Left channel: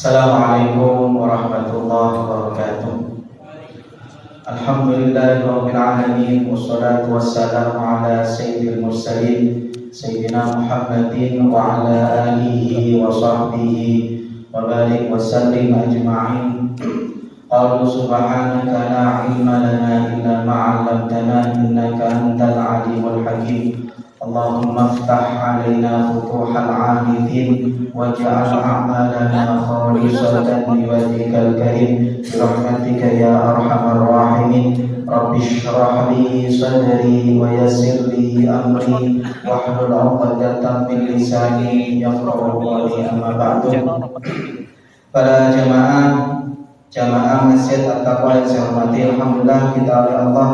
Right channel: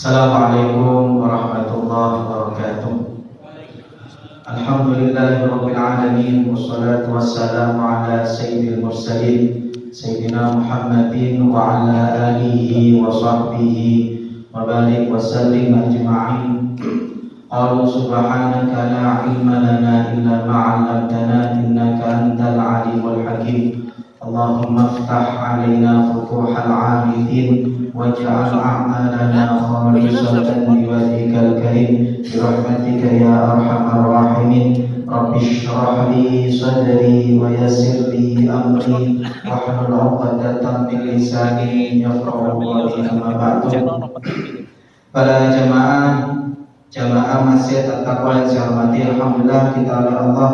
Assalamualaikum warahmatullahi wabarakatuh. Alhamdulillahirabbil alamin wassalatu wassalamu ala sayyidil mursalin sayyidina Muhammadin wa ala alihi wa sahbihi wa barik wa sallim ajma'in. Qalu subhanaka la ilma lana illa ma 'allamtana innaka antal alimul hakim. Allahumma iftah 'alaina futuhal 'arifin waj'al a'malana khalisatan liwajhikal karim birahmatika ya arhamar rahimin. Rabbi shrah li sadri wa yassir li amri wahlul 'uqdatam min lisani yafqahu qawli. Amma ba'du. Para jamaah Masjid At-Taqwa yang saya hormati, alhamdulillah kita oleh Allah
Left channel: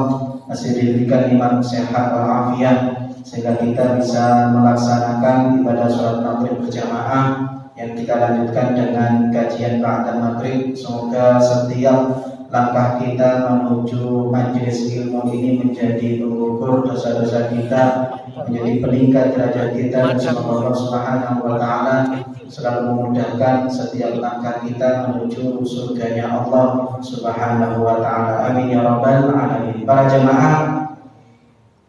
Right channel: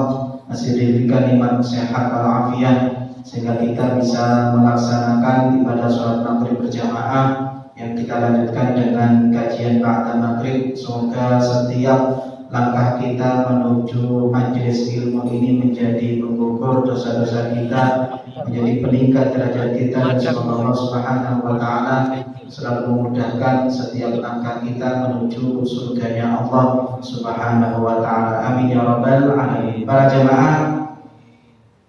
masih diberikan nikmat sehat walafiat sehingga kita bisa melaksanakan ibadah sholat maghrib berjamaah yang kita lanjutkan dengan kajian ba'da maghrib. Semoga setiap langkah kita menuju majelis ilmu ini menjadi pengukur dosa-dosa kita, menjadi peningkat derajat kita, dan semoga Allah Subhanahu wa Ta'ala selalu memudahkan setiap langkah kita menuju surganya Allah Subhanahu wa Ta'ala. Amin ya rabbal alamin. Para jemaah,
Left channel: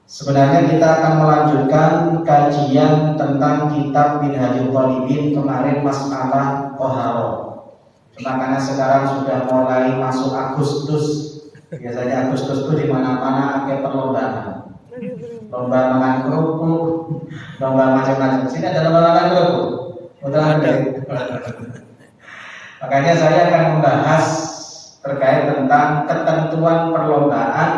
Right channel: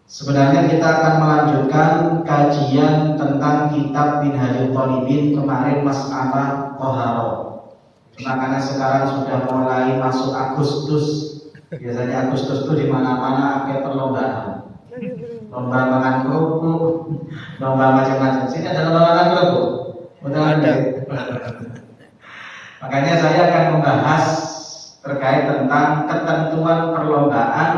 sebenarnya kita akan melanjutkan kajian tentang kitab Minhajul Talibin. Kemarin masalah Toharo. Makanya sekarang sudah mulai masuk Agustus. Biasanya Agustus itu di mana-mana ada perlombaan. Lomba makan kerupuk, lomba macam-macam. Sini ada lomba makan kerupuk. Ada. Makanya saya akan membahas terkait tentang ketentuan perlombaan,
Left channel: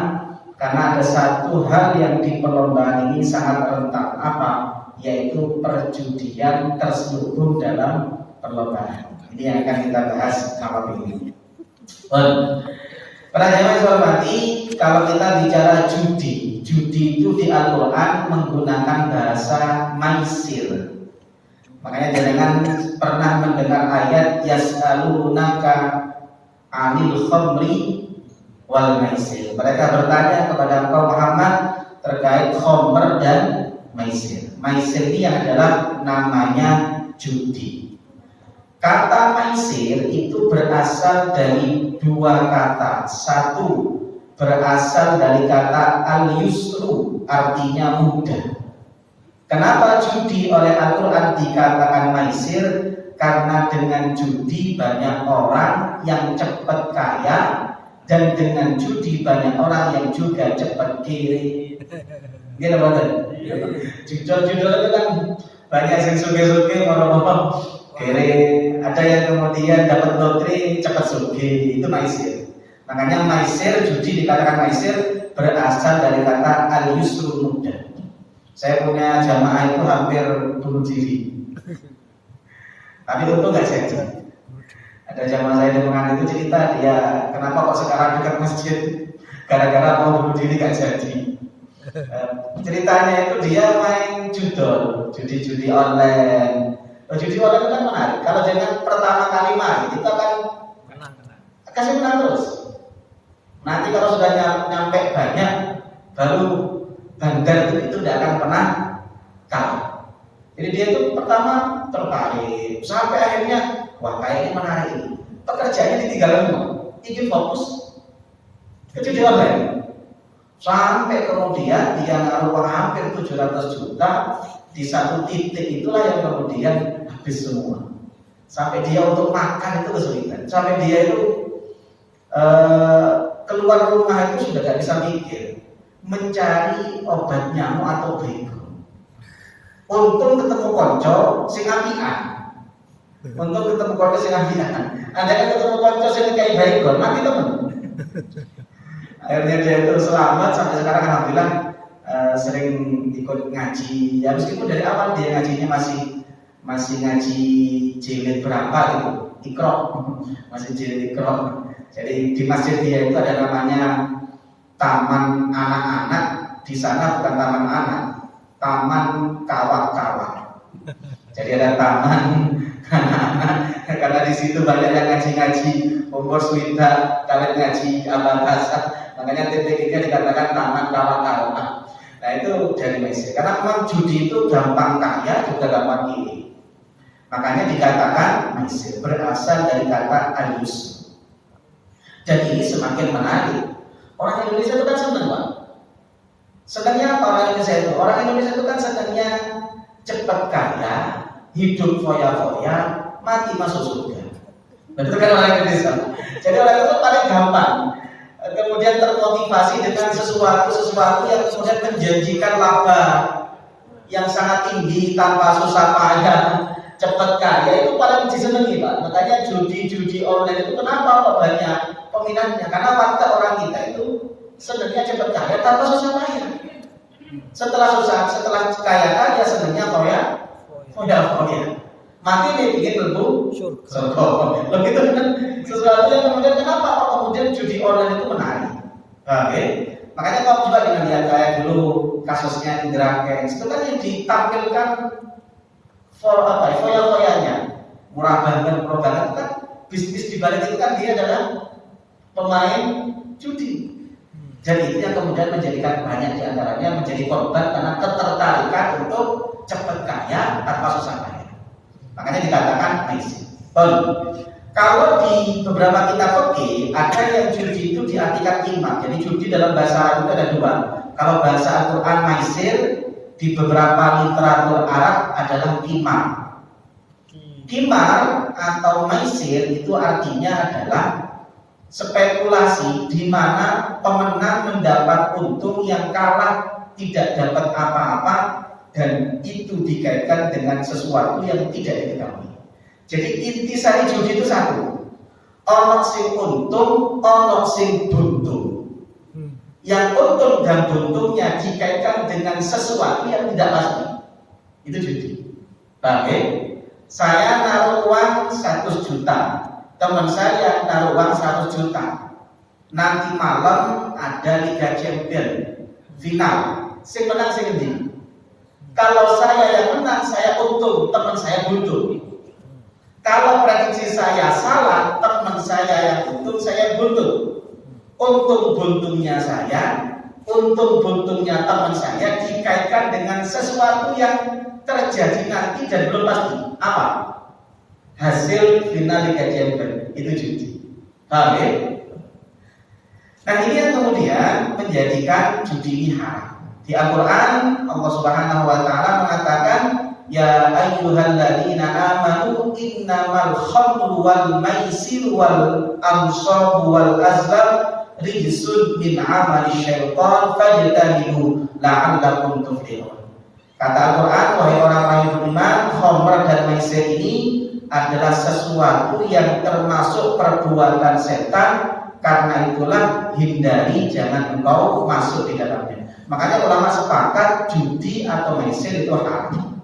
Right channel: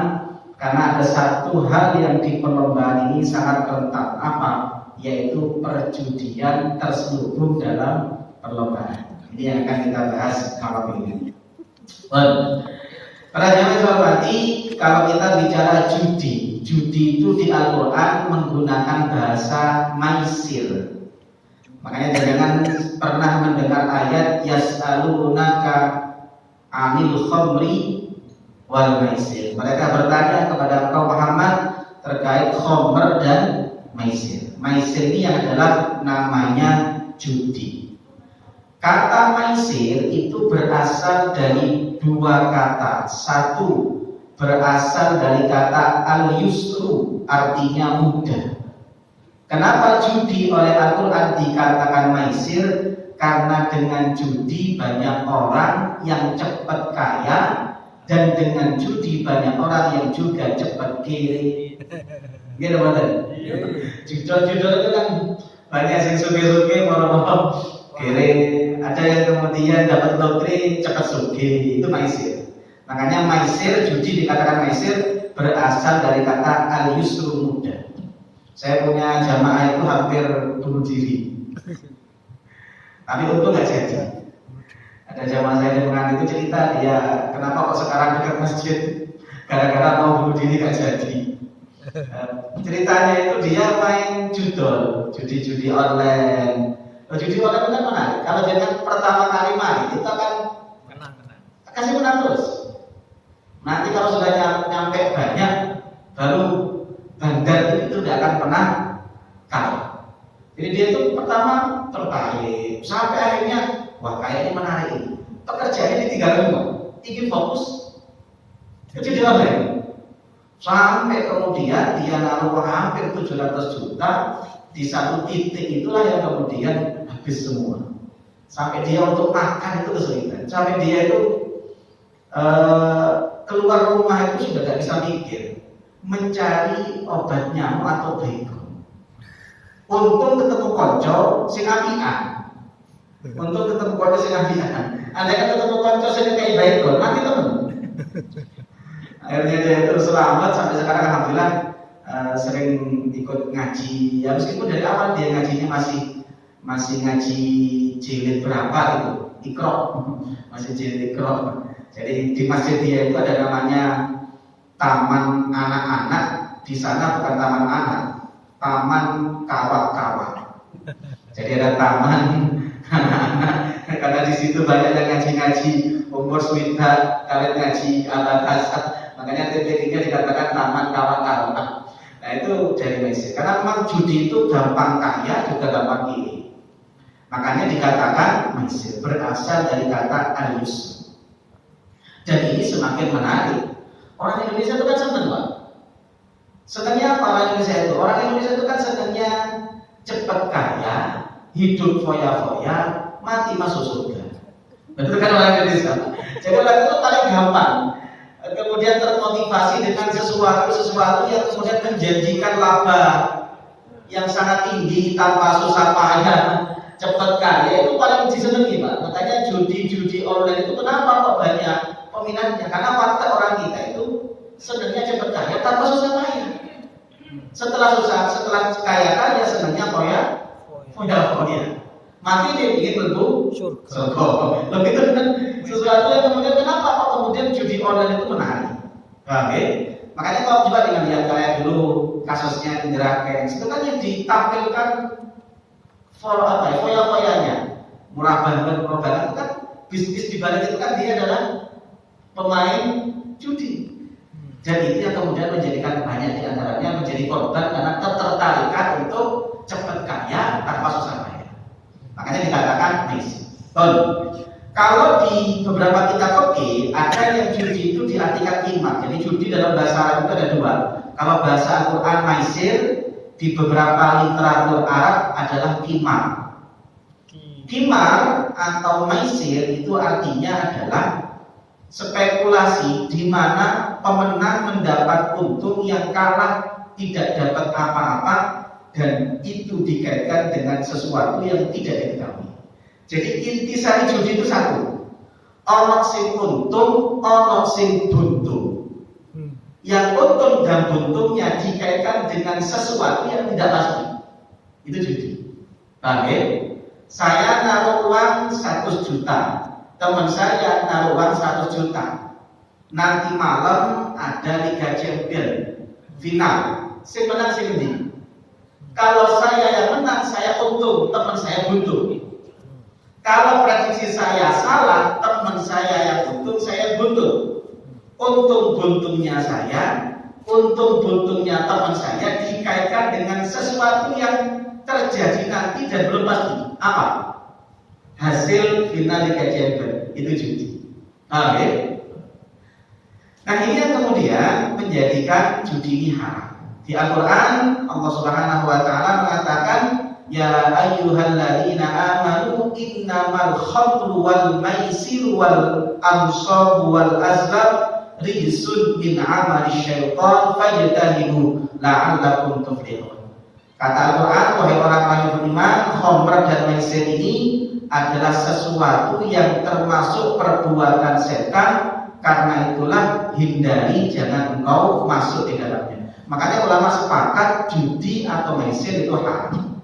karena ada satu hal yang di perlombaan ini sangat rentan, apa? Yaitu perjudian terselubung dalam perlombaan. Ini yang akan kita bahas malam ini. Para jamaah hormati, kalau kita bicara judi itu di Al-Quran menggunakan bahasa maisir. Makanya jangan pernah mendengar ayat yas'alunaka 'anil khamri wal maisir. Mereka bertanya kepada Nabi Muhammad terkait khamr dan maisir. Maisir ini adalah namanya judi. Kata maisir itu berasal dari dua kata. Satu berasal dari kata al-yusru, artinya mudah. Kenapa judi oleh Al-Quran dikatakan maisir? Karena dengan judi banyak orang yang cepat kaya, dan dengan judi banyak orang yang juga cepat kiri. Gitu betul? Judul-judul itu kan banyak yang suge-suge orang-orang kiri. Ada yang kemudian dapat lotre cepat suge, itu maisir. Makanya maisir, judi dikatakan maisir berasal dari kata al-yusru, mudah. Saya punya jamaah itu hampir bunuh diri, tapi untung nggak jadi. Ada jamaah saya di Penang itu cerita, dia kenapa kok sekarang dekat masjid, gara-gara mau bunuh diri nggak jadi. Ceritanya itu dia main judi online. Judi online kan menarik. Kalau jangan pertama kali main, kita akan kasih menang terus. Nanti kalau sudah nyampe banyak, baru bandar itu tidak akan pernah kalah. Jadi dia itu pertama tertarik, sampai akhirnya wah kayaknya menarik ini. Pekerjaannya ditinggalkan semua, ingin fokus jadi dia online. Sampai kemudian dia naruh hampir 700 juta di satu titik, itulah yang kemudian habis semua. Sampai dia untuk makan itu kesulitan. Sampai dia itu keluar rumah itu sudah tidak bisa mikir, mencari obat nyamuk atau bego. Untung ketemu konco sing apian. Ada yang ketemu konco sing kayak bego, mati temen. Akhirnya dia itu selamat sampai sekarang, alhamdulillah. Sering ikut ngaji. Ya meskipun dari awal dia ngajinya masih ngaji jilid berapa itu, Iqra. Masih jilid Iqra. Jadi di masjid dia itu ada namanya taman anak-anak. Di sana bukan taman anak, taman kawal-kawal. Jadi ada taman anak-anak karena di situ banyak yang ngaji-ngaji umur swita, kalian ngaji al-bahasa. Makanya titik-titiknya dikatakan taman kawal-kawal. Nah itu dari maisir. Karena memang judi itu gampang kaya juga gampang kiri. Makanya dikatakan maisir, berasal dari kata alus. Dan ini semakin menarik. Orang Indonesia itu kan senang, Pak. Senangnya apa orang Indonesia itu? Orang Indonesia itu kan senangnya cepat kaya, hidup foya-foya, mati masuk surga. Itu kan orang Indonesia. Jadi orang itu paling gampang kemudian termotivasi dengan sesuatu yang kemudian menjanjikan laba yang sangat tinggi tanpa susah payah, cepat kaya, itu paling disenangi, Pak. Makanya judi online itu kenapa kok banyak peminatnya? Karena fakta orang kita itu senangnya cepat kaya tanpa susah payah. Setelah kaya senangnya foya. Mati dia bikin lebu surga. Begitu kan sesuatu yang kemudian kenapa kok kemudian judi online itu menarik? Oke. Makanya kalau juga dengan lihat kayak dulu kasusnya Indra Kents, sebenarnya ditampilkan foya-foyanya, murah banget program itu kan bisnis di balik itu kan dia adalah pemain judi. Jadi itu yang kemudian menjadikan banyak di antaranya menjadi korban karena ketertarikan untuk cepat kaya tanpa susah payah. Makanya dikatakan maisir. Kalau di beberapa kitab fikih ada yang judi itu diartikan qimar. Jadi judi dalam bahasa Arab itu ada dua. Kalau bahasa Al-Quran maisir, di beberapa literatur Arab adalah qimar. Qimar atau maisir itu artinya adalah spekulasi di mana pemenang mendapat untung yang kalah tidak dapat apa-apa, dan itu dikaitkan dengan sesuatu yang tidak diketahui. Jadi intisari judi itu satu, ono sing untung, ono sing buntung. Yang untung dan buntungnya dikaitkan dengan sesuatu yang tidak pasti. Itu judi. Oke? Saya naruh uang 100 juta, teman saya naruh uang 100 juta. Nanti malam ada Liga Champions final. Sing menang sing ndi? Kalau saya yang menang, saya untung, teman saya buntung. Kalau prediksi saya salah, teman saya yang untung, saya buntung. Untung buntungnya saya, untung buntungnya teman saya dikaitkan dengan sesuatu yang terjadi nanti dan belum pasti. Apa? Hasil final Liga Champions. Itu judi. Oke? Nah, ini yang kemudian menjadikan judi ini haram. Di Al-Quran Allah Subhanahu wa Ta'ala mengatakan, ya ayyuhalladzina amanu innamal khamru wal maisir wal ansab wal azlam rijsun min amali syaitan fajtanibu la'allakum tuflihun. Kata Al-Quran, wahai orang-orang yang beriman, khamr dan maisir ini adalah sesuatu yang termasuk perbuatan setan, karena itulah hindari, jangan engkau masuk di dalamnya. Makanya ulama sepakat judi atau maisir itu haram.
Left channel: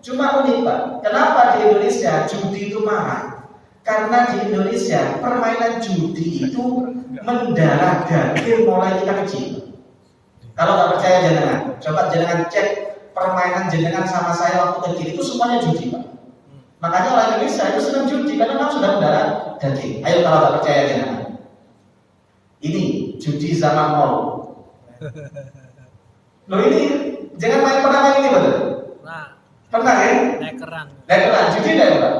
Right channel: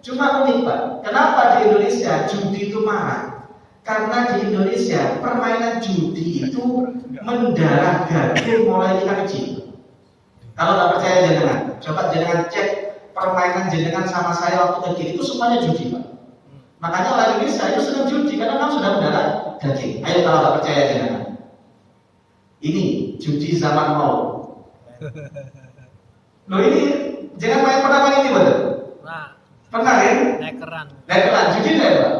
Cuma unik, Pak, kenapa di Indonesia judi itu marah? Karena di Indonesia permainan judi itu mendarah daging mulai kita kecil. Kalau nggak percaya jangan, coba jangan cek permainan jenengan sama saya waktu kecil itu semuanya judi, Pak. Makanya orang Indonesia itu senang judi karena memang sudah mendarah daging. Ayo kalau nggak percaya jangan. Ini judi zaman now. Loh, ini jangan pernah main ini, betul? Pernah ya? Lekeran judi deh, Pak.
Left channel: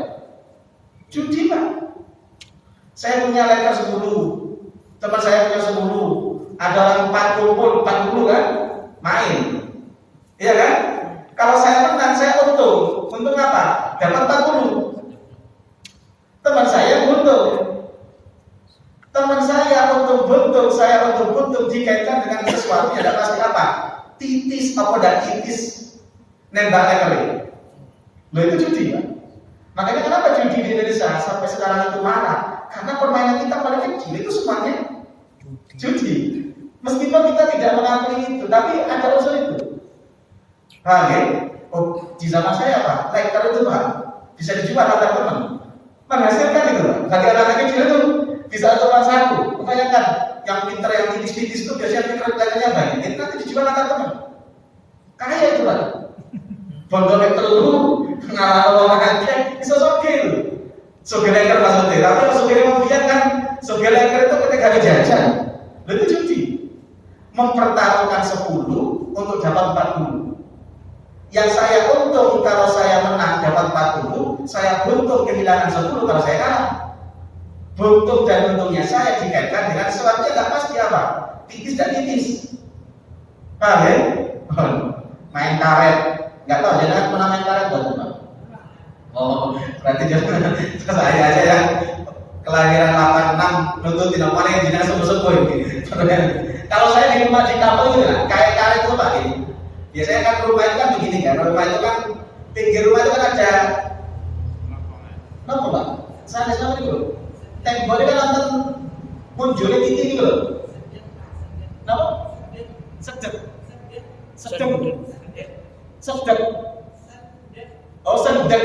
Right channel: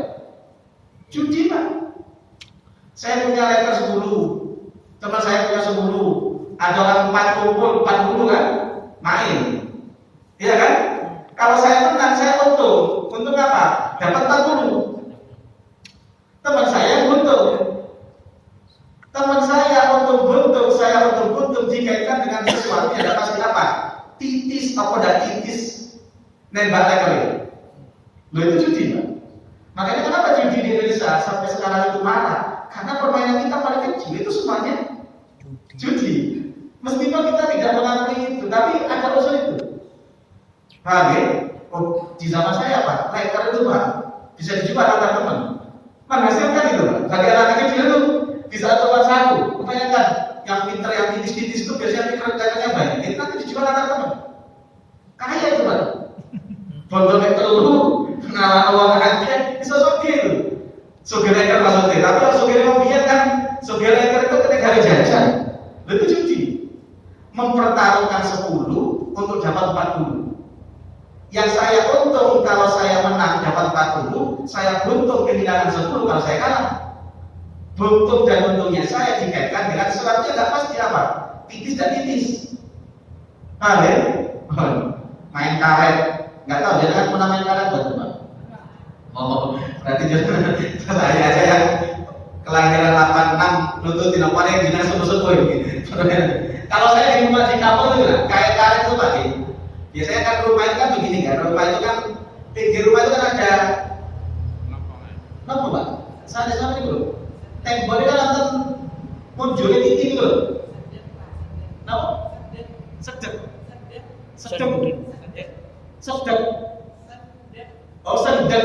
Judi, Pak. Saya punya leker 10, teman saya punya 10, ada orang 40 kan main, iya kan? Kalau saya menang, saya untung apa? Dapat 40. Teman saya untung. Teman saya untung buntung dikaitkan dengan sesuatu yang tidak pasti apa? Titis atau tidak titis nembak leker. Loh, itu judi, Pak. Makanya kenapa judi di Indonesia sampai sekarang itu marah? Karena permainan kita paling kecil itu semuanya judi. Meskipun kita tidak mengakui itu, tapi ada unsur itu. Oke? Oh, di zaman saya, Pak, leker itu, Pak, bisa dijual antar teman. Menghasilkan itu, Pak. Bagi anak kecil itu bisa orang satu. Makanya kan yang pintar, yang tipis-tipis itu biasanya lekernya baik. Itu nanti dijual antar teman. Kaya itu, Pak. Bondolek teluru ngarang uang aja bisa sogel. Sogel leker maksudnya. Tapi kalau sogel mafia kan, sogel leker itu ketika ada jajan. Itu judi. Mempertaruhkan 10 untuk dapat 40. Yang saya untung kalau saya menang dapat kehilangan 10 kalau saya kalah. Buntung dan untungnya saya dikaitkan dengan sesuatu yang nggak pasti apa? Tipis dan tipis. Paham ya? Main karet, nggak tahu jangan pernah main karet betul. Oh, berarti jangan saya aja yang kelahiran 86 lutut di nomornya jinak subuh-subuh gitu. Kalau saya di rumah di kampung itu kan kayak karet itu Pak. Biasanya kan rumah itu kan begini kan, rumah itu kan pinggir rumah itu kan ada apa Pak? Sana itu temboknya kan nonton munculnya tinggi gitu loh. Kenapa? Sedek. Oh sedek.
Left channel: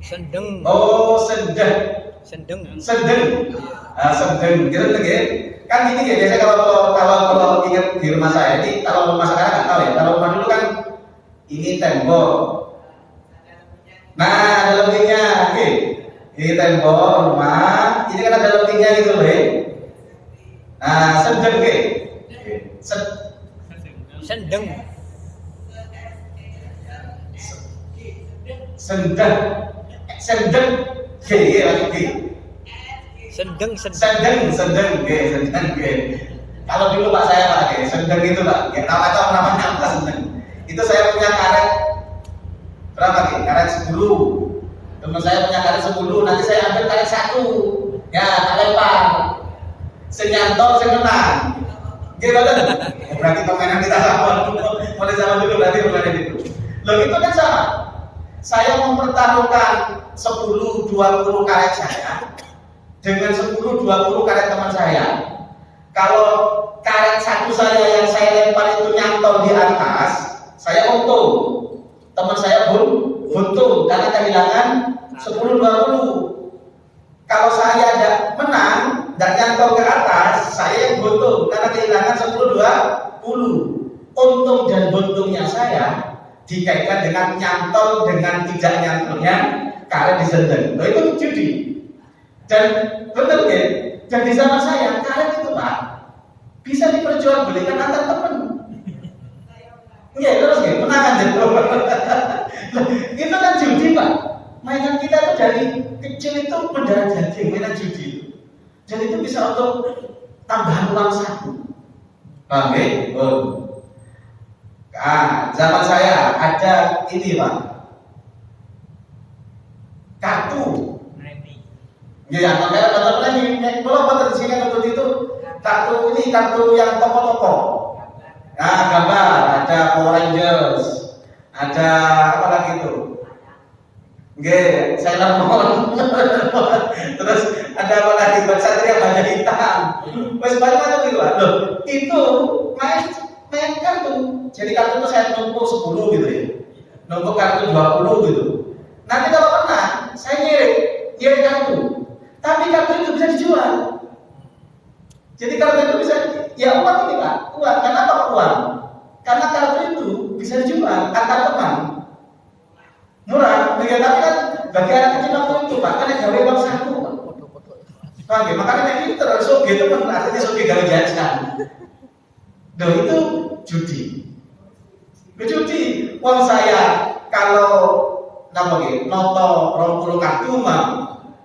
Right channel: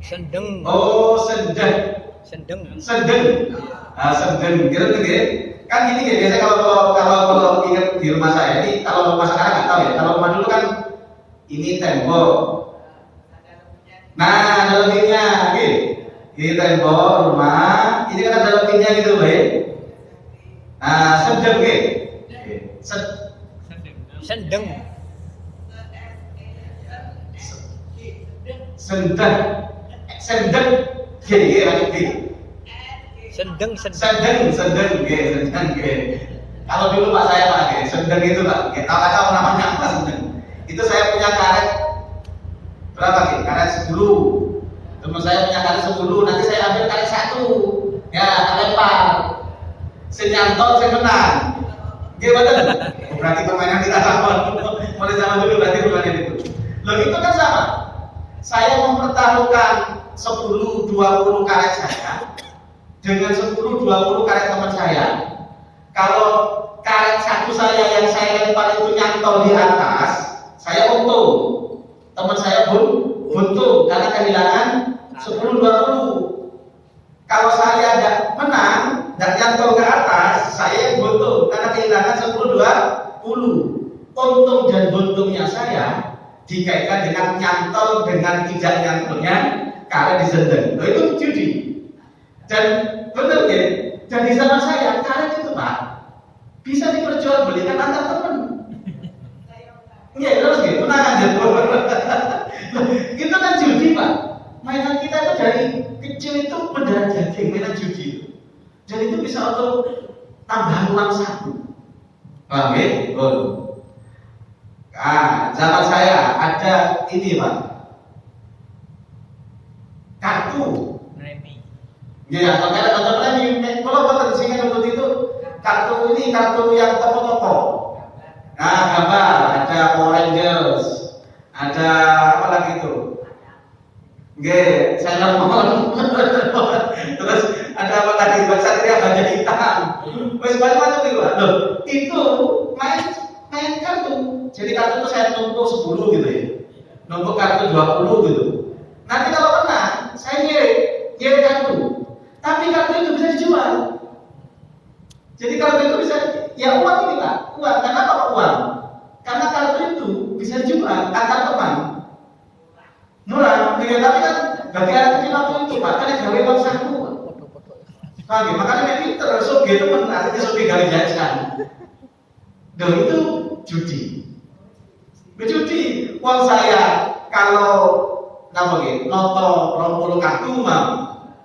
Sendeng. Oh sedek. Sendeng. Sedeng. Gitu tuh ya. Kan ini ya biasa kalau ingat di rumah saya ini kalau rumah sekarang nggak tahu ya. Kalau rumah dulu kan ini tembok. Nah ada lebihnya, oke. Ini tembok rumah. Ini kan ada lebihnya gitu loh. Nah sedeng oke. Sendeng. Sendeng. Kalau dulu Pak saya pakai sendeng itu Pak, ya tahu namanya apa sendeng. Itu saya punya karet berapa karet 10. Teman saya punya karet 10, nanti saya ambil karet 1. Ya, lempar. Senyantol saya menang. Gimana? Berarti permainan kita sama. Mulai zaman dulu berarti permainan itu. Loh itu kan sama. Saya mempertaruhkan 10-20 karet saya dengan 10-20 karet teman saya. Kalau karet satu saya yang saya lempar itu nyantol di atas, saya untung. Teman saya buntung karena kehilangan 10-20. Kalau saya ada menang dan nyantol ke atas, saya yang buntung karena kehilangan 10-20. Untung dan buntungnya saya dikaitkan dengan nyantol dengan tidak nyantolnya karet di sendeng. Nah, itu judi. Dan benar kan? Dan di zaman saya karet itu Pak bisa diperjualbelikan antar teman. Iya terus gitu, menang aja. Itu kan judi Pak. Mainan kita itu dari kecil itu mendarah daging mainan judi. Dan itu bisa untuk tambahan uang saku. Paham ya? Zaman saya ada ini Pak, kartu. Ya, kalau Bapak di sini untuk itu kartu ini kartu yang toko-toko. Nah, gambar ada Power Rangers, ada apa lagi itu? Sailor Moon. Terus ada apa lagi? Satria Baja Hitam. Wes banyak itu Pak. Loh, itu main kartu. Jadi kartu itu saya numpuk 10 gitu ya. Numpuk kartu 20 gitu. Nanti kalau menang, saya ngirim kartu. Tapi kartu itu bisa dijual. Jadi kartu itu bisa, ya uang ini Pak. Uang, kenapa uang? Karena kartu itu bisa dijual antar teman. Murah, tapi kan bagi anak kecil waktu itu Pak, kan gawe uang saku. Paham ya? Makanya kita terus gitu kan artinya sudah gawe jajan. Dan itu judi. Judi, uang saya kalau noto 20 kartu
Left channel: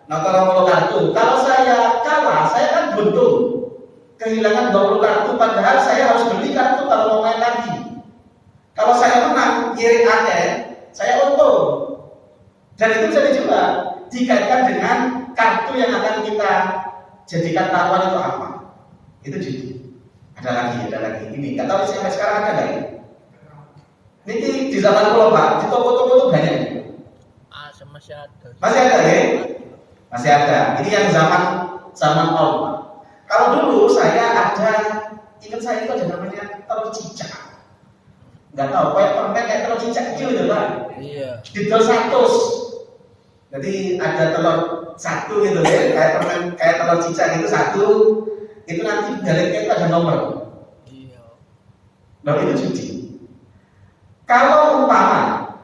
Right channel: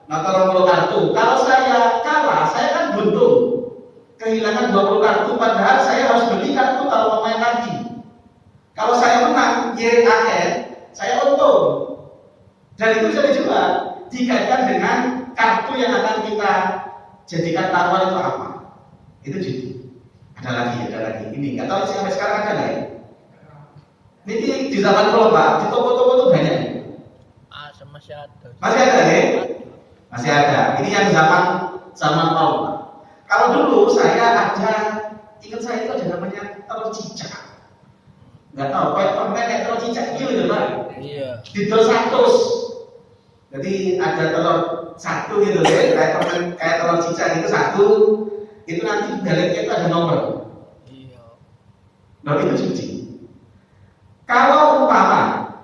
noto 20 kartu. Kalau saya kalah, saya kan buntung. Kehilangan 20 kartu, padahal saya harus beli kartu kalau mau main lagi. Kalau saya menang, ngirim akhir, saya untung. Dan itu bisa dijual, dikaitkan dengan kartu yang akan kita jadikan taruhan itu apa? Itu judi. Ada lagi. Ini nggak tahu sampai sekarang ada nggak ya? Ini di zaman dulu Pak, di toko-toko itu banyak. Masih ada. Masih ada ya? Masih ada. Ini yang zaman Paul. Kalau dulu saya ada, ingat saya itu ada namanya telur cicak. Nggak tahu, kayak telur cicak gitu Pak. Iya. Didol 100. Jadi ada telur 1 gitu ya, kayak telur cicak itu 1. Itu nanti dalamnya itu ada nomor. Iya. Nomor itu judi. Kalau umpama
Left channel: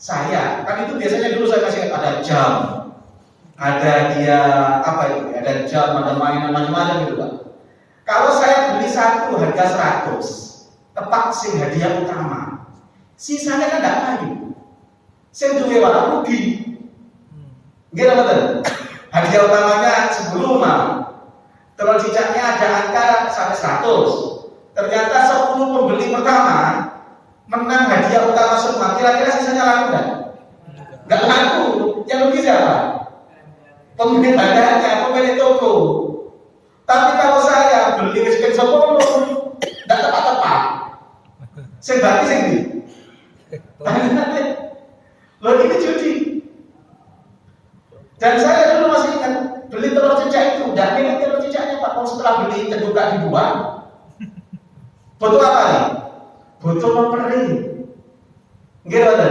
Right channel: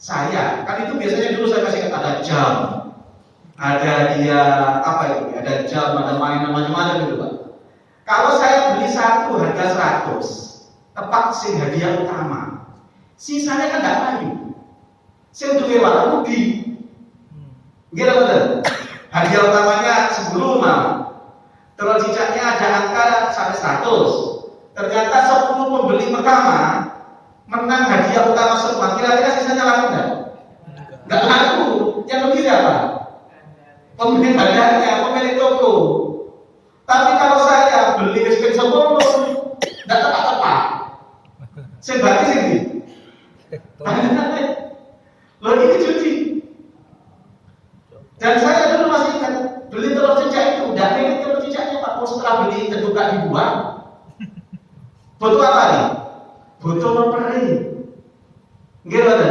saya, kan itu biasanya dulu saya kasih ada jam, ada dia apa itu, ada jam, ada mainan macam-macam gitu Pak. Kalau saya beli satu harga 100, tepat sing hadiah utama, sisanya kan tidak kayu, sing duwe wae rugi. Gila betul. Hadiah utamanya 10 mah. Terus cicaknya ada angka sampai 100. Ternyata 10 pembeli pertama menang hadiah utama semua. Kira-kira sisanya laku nggak? Nggak laku. Yang rugi siapa? Pemilik bandarnya, pemilik toko. Tapi kalau saya beli sekian 10, nggak tepat-tepat. Saya gratis ini. Loh ini judi. Dan saya dulu masih ingat beli telur cicak itu, tidak milih telur cicaknya Pak. Setelah beli terbuka dibuang. Butuh apa nih? Butuh memperi. Gimana?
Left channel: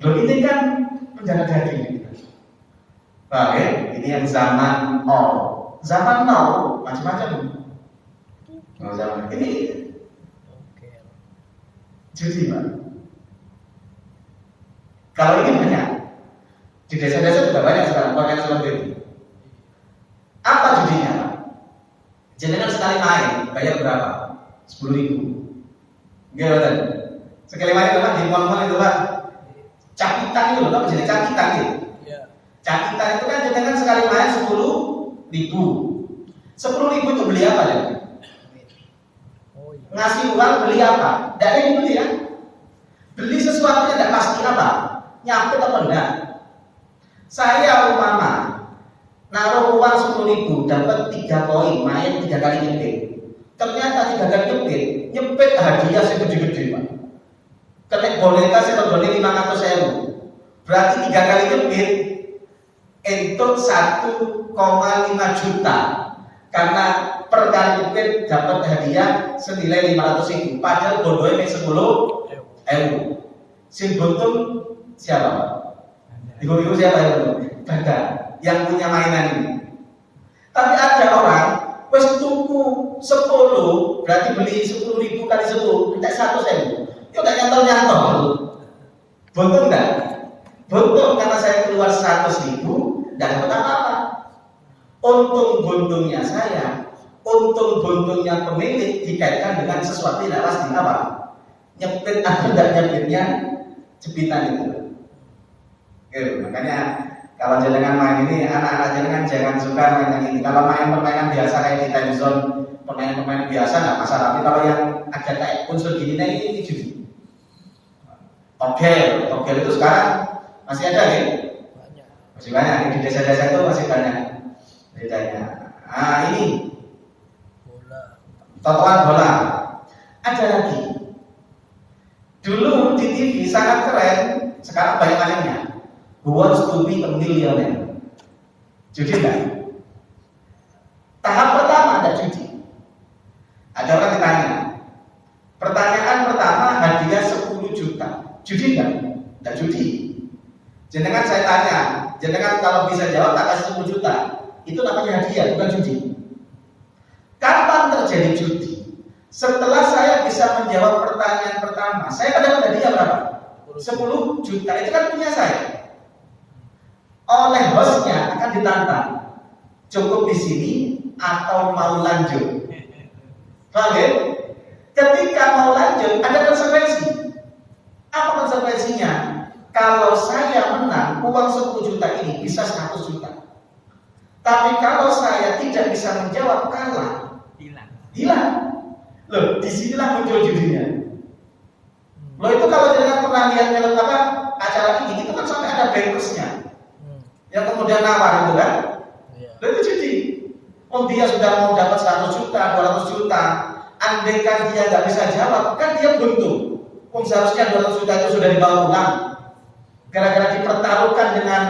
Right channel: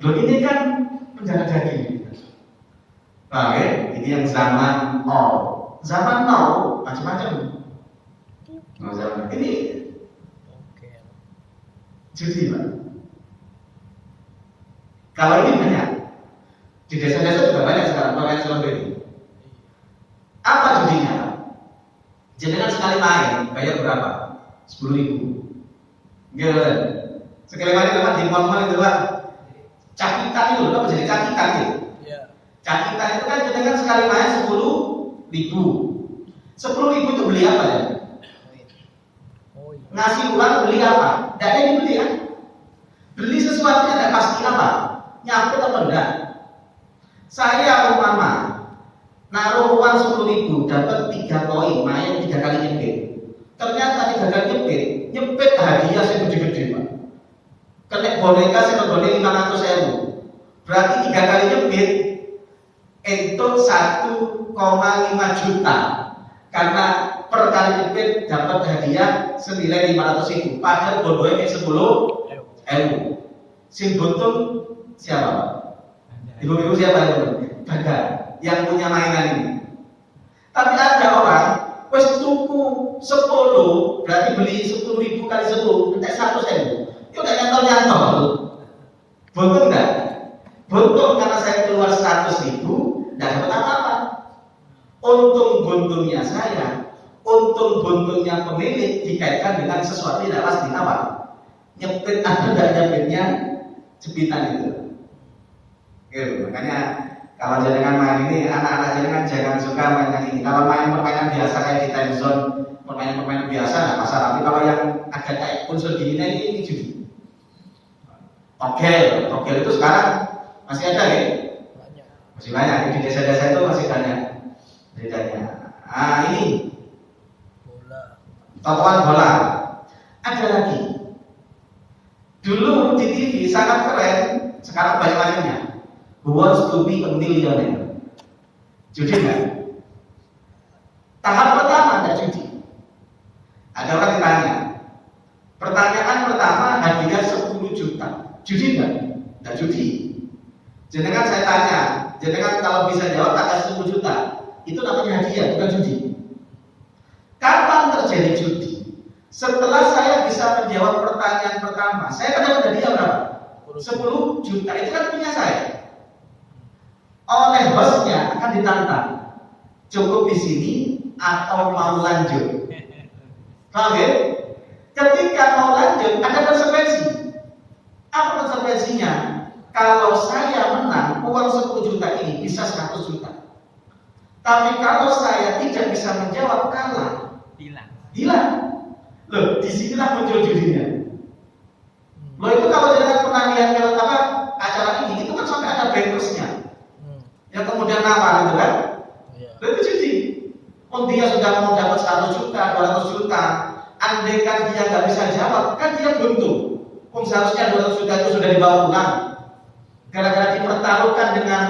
Loh ini kan penjara daging. Oke, ini yang zaman now. Zaman now macam-macam. Zaman ini judi Pak. Kalau ini banyak. Di desa-desa juga banyak sekarang orang seperti itu. Apa judinya? Jenengan sekali main, bayar berapa? 10.000. Gimana? Sekali main itu Pak di mall-mall itu Pak. Cakitan itu, apa jenis cakitan gitu? Cakitan itu kan jenengan sekali main 10.000. 10.000 itu beli apa ya? Ngasih uang beli apa? Dari beli ya. Beli sesuatu yang tidak pasti apa? Nyampe atau enggak? Saya umpama naruh uang 10.000 dapat 3 koin, main 3 kali nyepit. Ternyata 3 kali nyepit hadiah segede-gede Pak. Kena boneka segede 500.000. Berarti 3 kali nyepit untuk 1,5 juta. Karena per kali nyepit dapat hadiah senilai 500.000. Padahal bondonya 10.000. Sing buntung siapa? Ibu-ibu siapa itu? Bandar yang punya mainan ini. Tapi ada orang wes tuku 10, berarti beli 10.000 kali 10, minta 100.000. Itu enggak nyantol. Buntung enggak? Buntung karena saya keluar 100.000, enggak dapat apa-apa. Untung buntungnya saya, untung buntungnya pemilik dikaitkan dengan sesuatu yang tidak pasti apa? Nyepit atau tidak nyepitnya jepitan itu. Makanya kalau jenengan main ini, anak-anak jenengan jangan suka main yang ini. Kalau main permainan biasa kayak di time zone, permainan biasa nggak masalah. Tapi kalau yang agak kayak unsur gini, ini judi. Oke itu sekarang masih ada ya? Masih banyak di desa-desa itu masih banyak bedanya. Ah ini tokoan bola. Ada lagi. Dulu di TV sangat keren, sekarang banyak macamnya. Who wants to be a millionaire? Judi enggak? Tahap pertama ada judi. Ada orang ditanya. Pertanyaan pertama hadiah 10 juta. Judi enggak? Enggak judi. Jenengan saya tanya, jenengan kalau bisa jawab tak kasih 10 juta. Itu namanya hadiah, bukan judi. Kapan terjadi judi? Setelah saya bisa menjawab pertanyaan pertama, saya kan dapat hadiah berapa? 10 juta. Itu kan punya saya. Oleh bosnya akan ditantang, cukup di sini atau mau lanjut. Paham ya? Ketika mau lanjut ada konsekuensi. Apa konsekuensinya? Kalau saya menang uang 10 juta ini bisa 100 juta. Tapi kalau saya tidak bisa menjawab kalah, hilang. Loh, disinilah muncul judinya. Loh itu kalau dengan pernah lihat film apa acara ini, itu kan sampai ada bankersnya. Yang kemudian nawar itu kan, itu judi. Dia sudah mau dapat 100 juta, 200 juta. Andaikan dia nggak bisa jawab, kan dia beruntung. Seharusnya 200 juta itu sudah dibawa pulang. Gara-gara dipertaruhkan dengan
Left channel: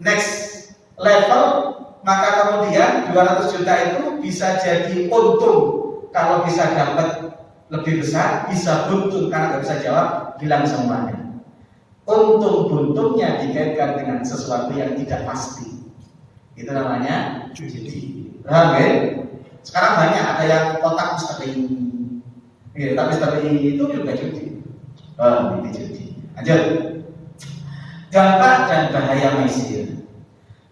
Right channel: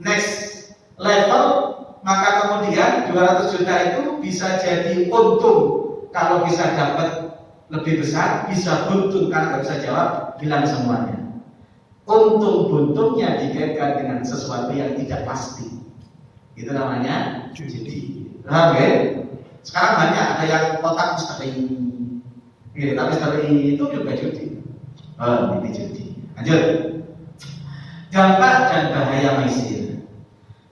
next level, maka kemudian 200 juta itu bisa jadi untung. Kalau bisa dapat lebih besar, bisa buntung karena nggak bisa jawab, hilang semuanya. Untung buntungnya dikaitkan dengan sesuatu yang tidak pasti. Itu namanya judi. Oke. Sekarang banyak ada yang kotak misteri. Ya, tapi misteri itu juga judi. Ini judi. Lanjut. Dampak dan bahaya maisir.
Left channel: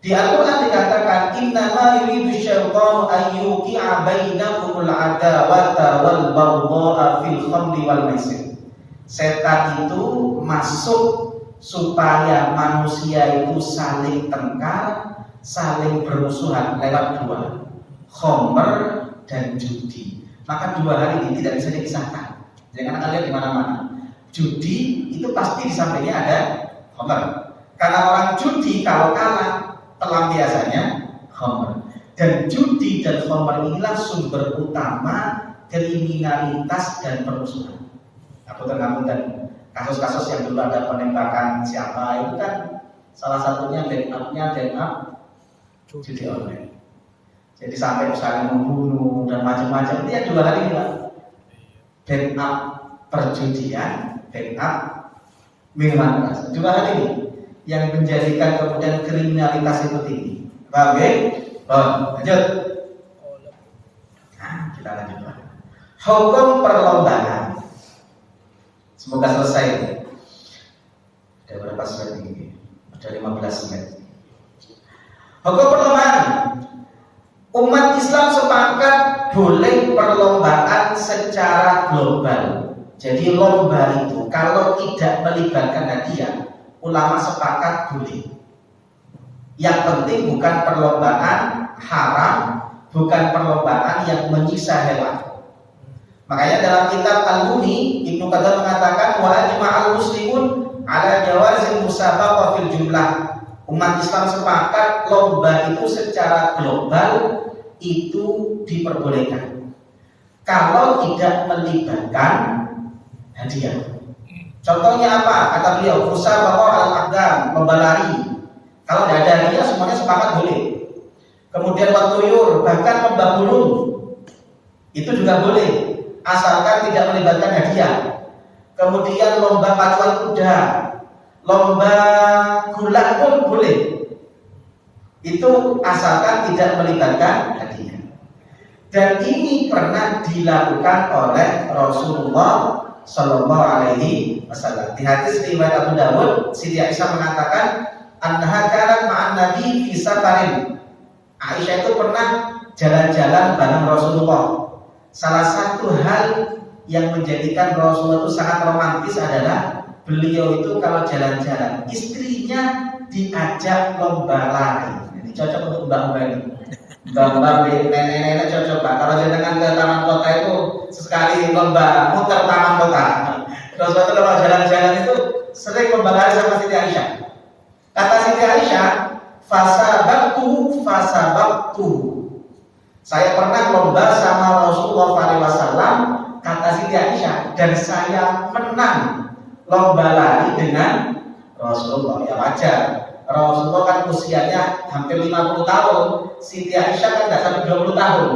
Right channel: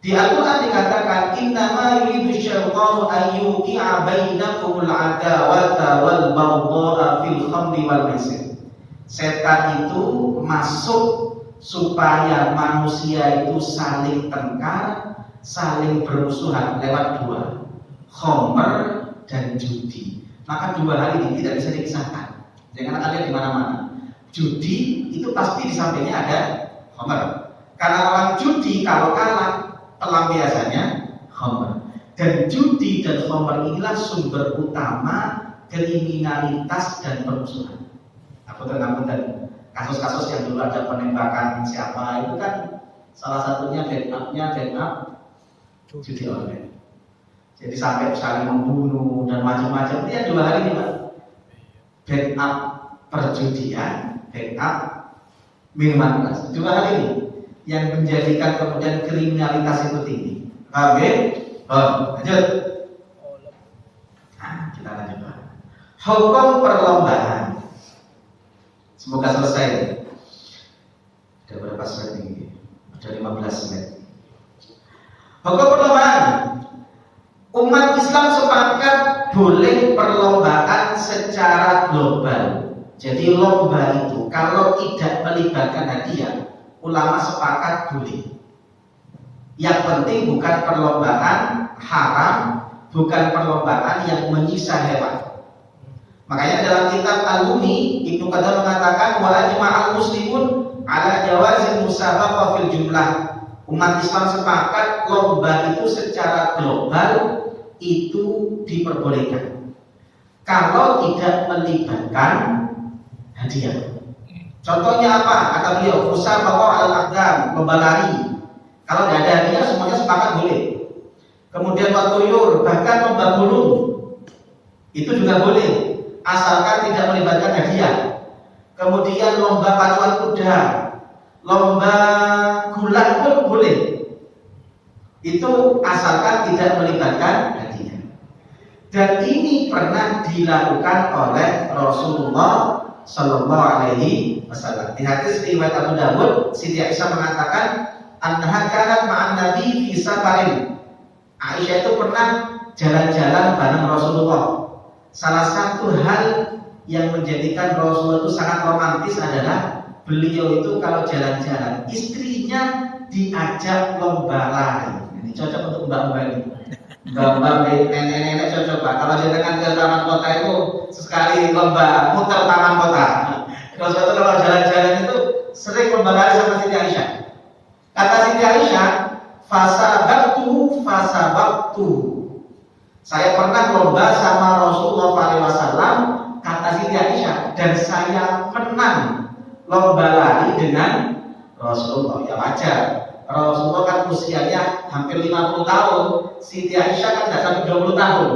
Di Al-Quran dikatakan innama yuridu syaitanu an yuqi'a bainakumul adawata wal baghdha'a fil khamri wal maisir. Setan itu masuk supaya manusia itu saling tengkar, saling bermusuhan lewat dua, khamr dan judi. Maka dua hal ini tidak bisa dipisahkan. Jangan ada di mana-mana. Judi itu pasti di sampingnya ada khamr. Karena orang judi kalau kalah pelampiasannya khamr. Dan judi dan khamr inilah sumber utama kriminalitas dan permusuhan. Aku tergambar kasus-kasus yang dulu ada penembakan siapa itu kan salah satunya backup judi online. Jadi sampai saling membunuh dan macam-macam. Dia dua hal ini Pak. Backup perjudian, backup minuman keras. Dua hal ini yang menjadikan kemudian kriminalitas itu tinggi. Baik, lanjut. Nah, kita lanjut. Hukum perlombaan. Semoga selesai. Ada berapa slide ini? Ada 15 slide. Hukum perlombaan. Umat Islam sepakat boleh perlombaan secara global. Jadi lomba itu kalau tidak melibatkan hadiah, ulama sepakat boleh. Yang penting bukan perlombaan haram, bukan perlombaan yang menyiksa hewan. Makanya dalam kitab Al-Mughni Ibnu Qudamah mengatakan wa ajma'al muslimun ala jawazil musabaqah fil jumlah. Umat Islam sepakat lomba itu secara global itu diperbolehkan kalau tidak melibatkan hadiah. Contohnya apa? Kata beliau, musabaqah al-aqdam, lomba lari. Kalau tidak ada hadiah semuanya sepakat boleh. Kemudian watuyur, bahkan lomba burung itu juga boleh, asalkan tidak melibatkan hadiah. Kemudian lomba pacuan kuda, lomba gulat pun boleh. Itu asalkan tidak melibatkan hadiah. Dan ini pernah dilakukan oleh Rasulullah Shallallahu Alaihi Wasallam. Di hadis riwayat Abu Dawud, Siti Aisyah mengatakan, annaha kanat ma'an Nabi fi safarin. Aisyah itu pernah jalan-jalan bareng Rasulullah. Salah satu hal yang menjadikan Rasulullah itu sangat romantis adalah beliau itu kalau jalan-jalan istrinya diajak lomba lari. Ini cocok untuk mbak-mbak ini. Mbak-mbak nenek-nenek cocok Pak. Kalau jalan ke taman kota itu sekali lomba muter taman kota. Rasulullah kalau jalan-jalan itu sering lomba lari sama Siti Aisyah. Kata Siti Aisyah, fasabaktu. Saya pernah lomba sama Rasulullah SAW, kata Siti Aisyah, dan saya menang lomba lari dengan Rasulullah. Ya wajar. Rasulullah kan usianya hampir 50 tahun, Siti Aisyah kan tidak sampai 20 tahun.